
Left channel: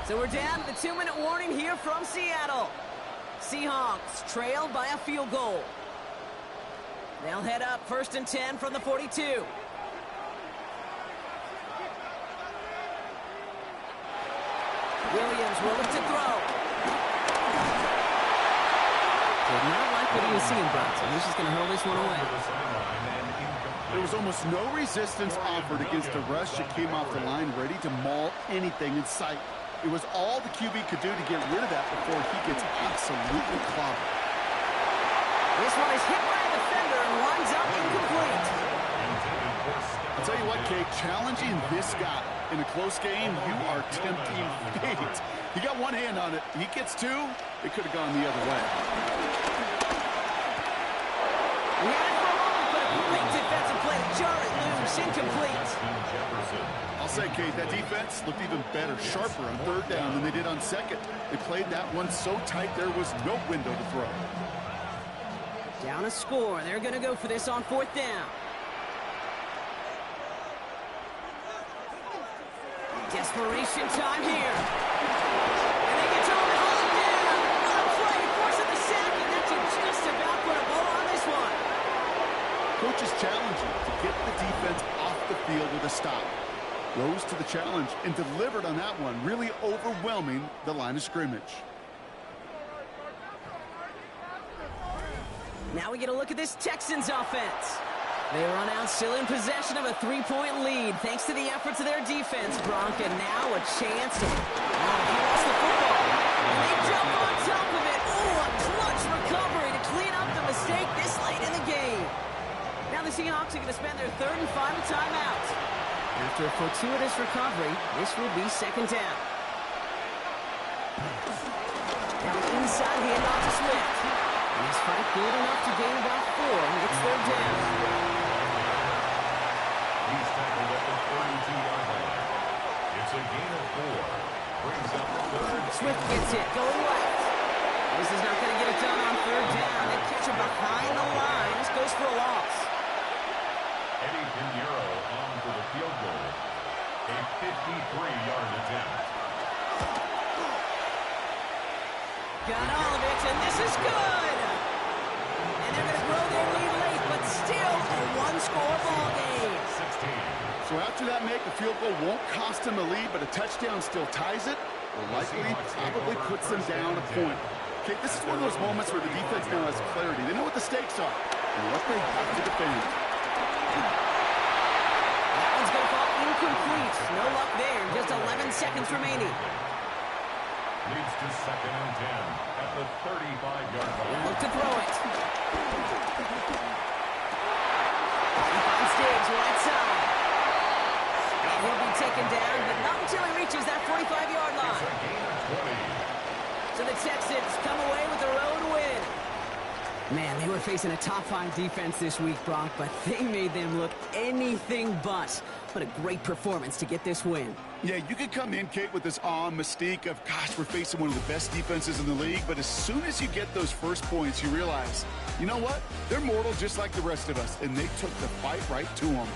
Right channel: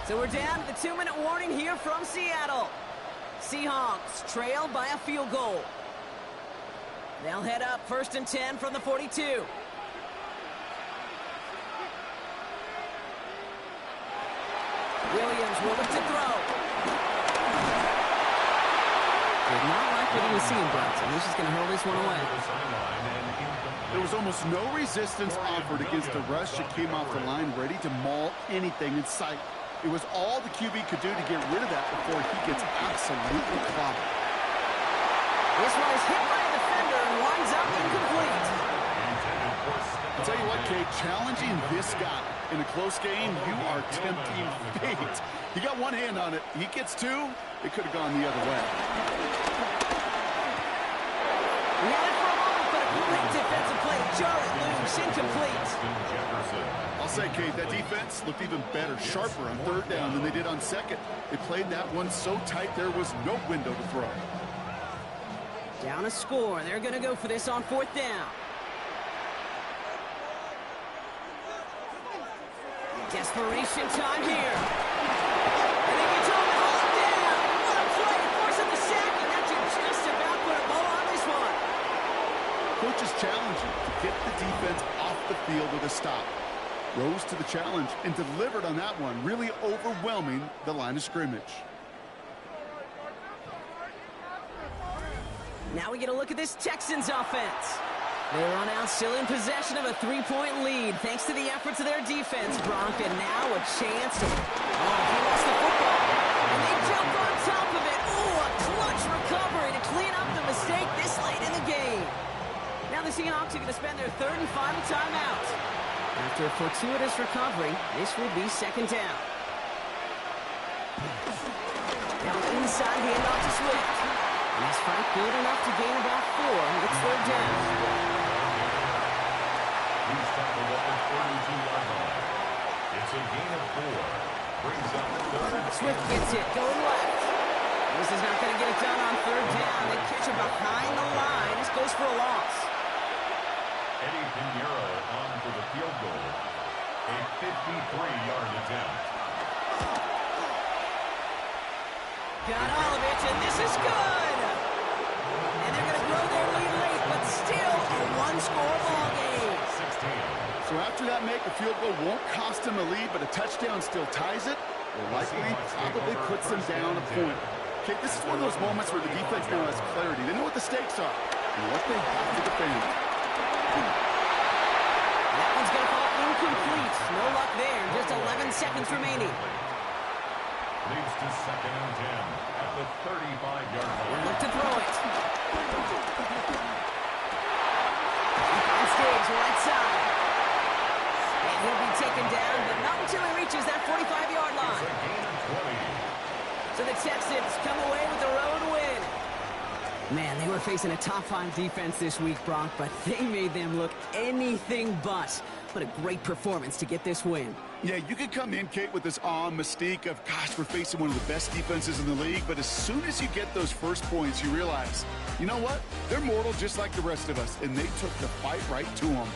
So we're down to the 2-minute warning here from Seattle. Seahawks trail by a field goal. They'll head up first and 10 from the 42. Williams will look to throw. Did not like what he was seeing, Bronson. He's just going to hurl this one away. There was almost no resistance offered against a rush that came off the line ready to maul anything in sight. It was all the QB could do to get rid of that before he gets absolutely clobbered. This one is hit by a defender and winds up incomplete. I'll tell you what, Kate, challenging this guy in a close game, you are tempting fate. He got one hand on it. He gets 2. It could have gone the other way. We had it for a moment, but a great defensive play. Jar it loose, incomplete. I'll say, Kate, that defense looked even better, sharper on 3rd down than they did on 2nd. They played that one so tight there was no window to throw. Down a score. They're going to go for this on 4th down. Desperation time here. And they get to him and haul him down. What a play, forcing the sack, and that should just about put a bow on this one. Coach is challenging to get the defense off the field with a stop. Rose to the challenge and delivered on that one, really overwhelming the line of scrimmage. Now we get a look at this Texans offense. They run out still in possession of a 3-point lead thanks to the efforts of their defense, Bronk, and now a chance to... Oh, he lost the football. And they jump on top of it. Oh, a clutch recovery to clean up the mistake this late in the game. Now the Seahawks are going to spend their 3rd and final timeout. After a fortuitous recovery, this will be 2nd down. Now an inside handoff to Swift. And he's fight good enough to gain about 4. It's 3rd down. He's tackled at the 32-yard line. It's a gain of 4. Brings up 3rd. Swift gets it, going left. This is not going to get it done on 3rd down. They catch him behind the line. This goes for a loss. Eddie Pinheiro on for the field goal. A 53-yard attempt. Got all of it, and this is good. And they're going to grow their lead late, but still a one-score ball game. 16. So after that make, a field goal won't cost them a lead, but a touchdown still ties it, or likely probably puts them down a point. Okay, this is one of those moments where the defense now has clarity. They know what the stakes are and what they have to defend. That one's going to fall incomplete. No luck there. Just 11 seconds remaining. Leads to 2nd and 10 at the 35-yard line. Look to throw it. He finds Diggs right side. And he'll be taken down, but not until he reaches that 45-yard line. It's a gain of 20. So the Texans come away with the road win. Man, they were facing a top-5 defense this week, Bronk, but they made them look anything but. What a great performance to get this win. Yeah, you could come in, Kate, with this mystique of, gosh, we're facing one of the best defenses in the league, but as soon as you get those first points, you realize, you know what? They're mortal just like the rest of us, and they took the fight right to them.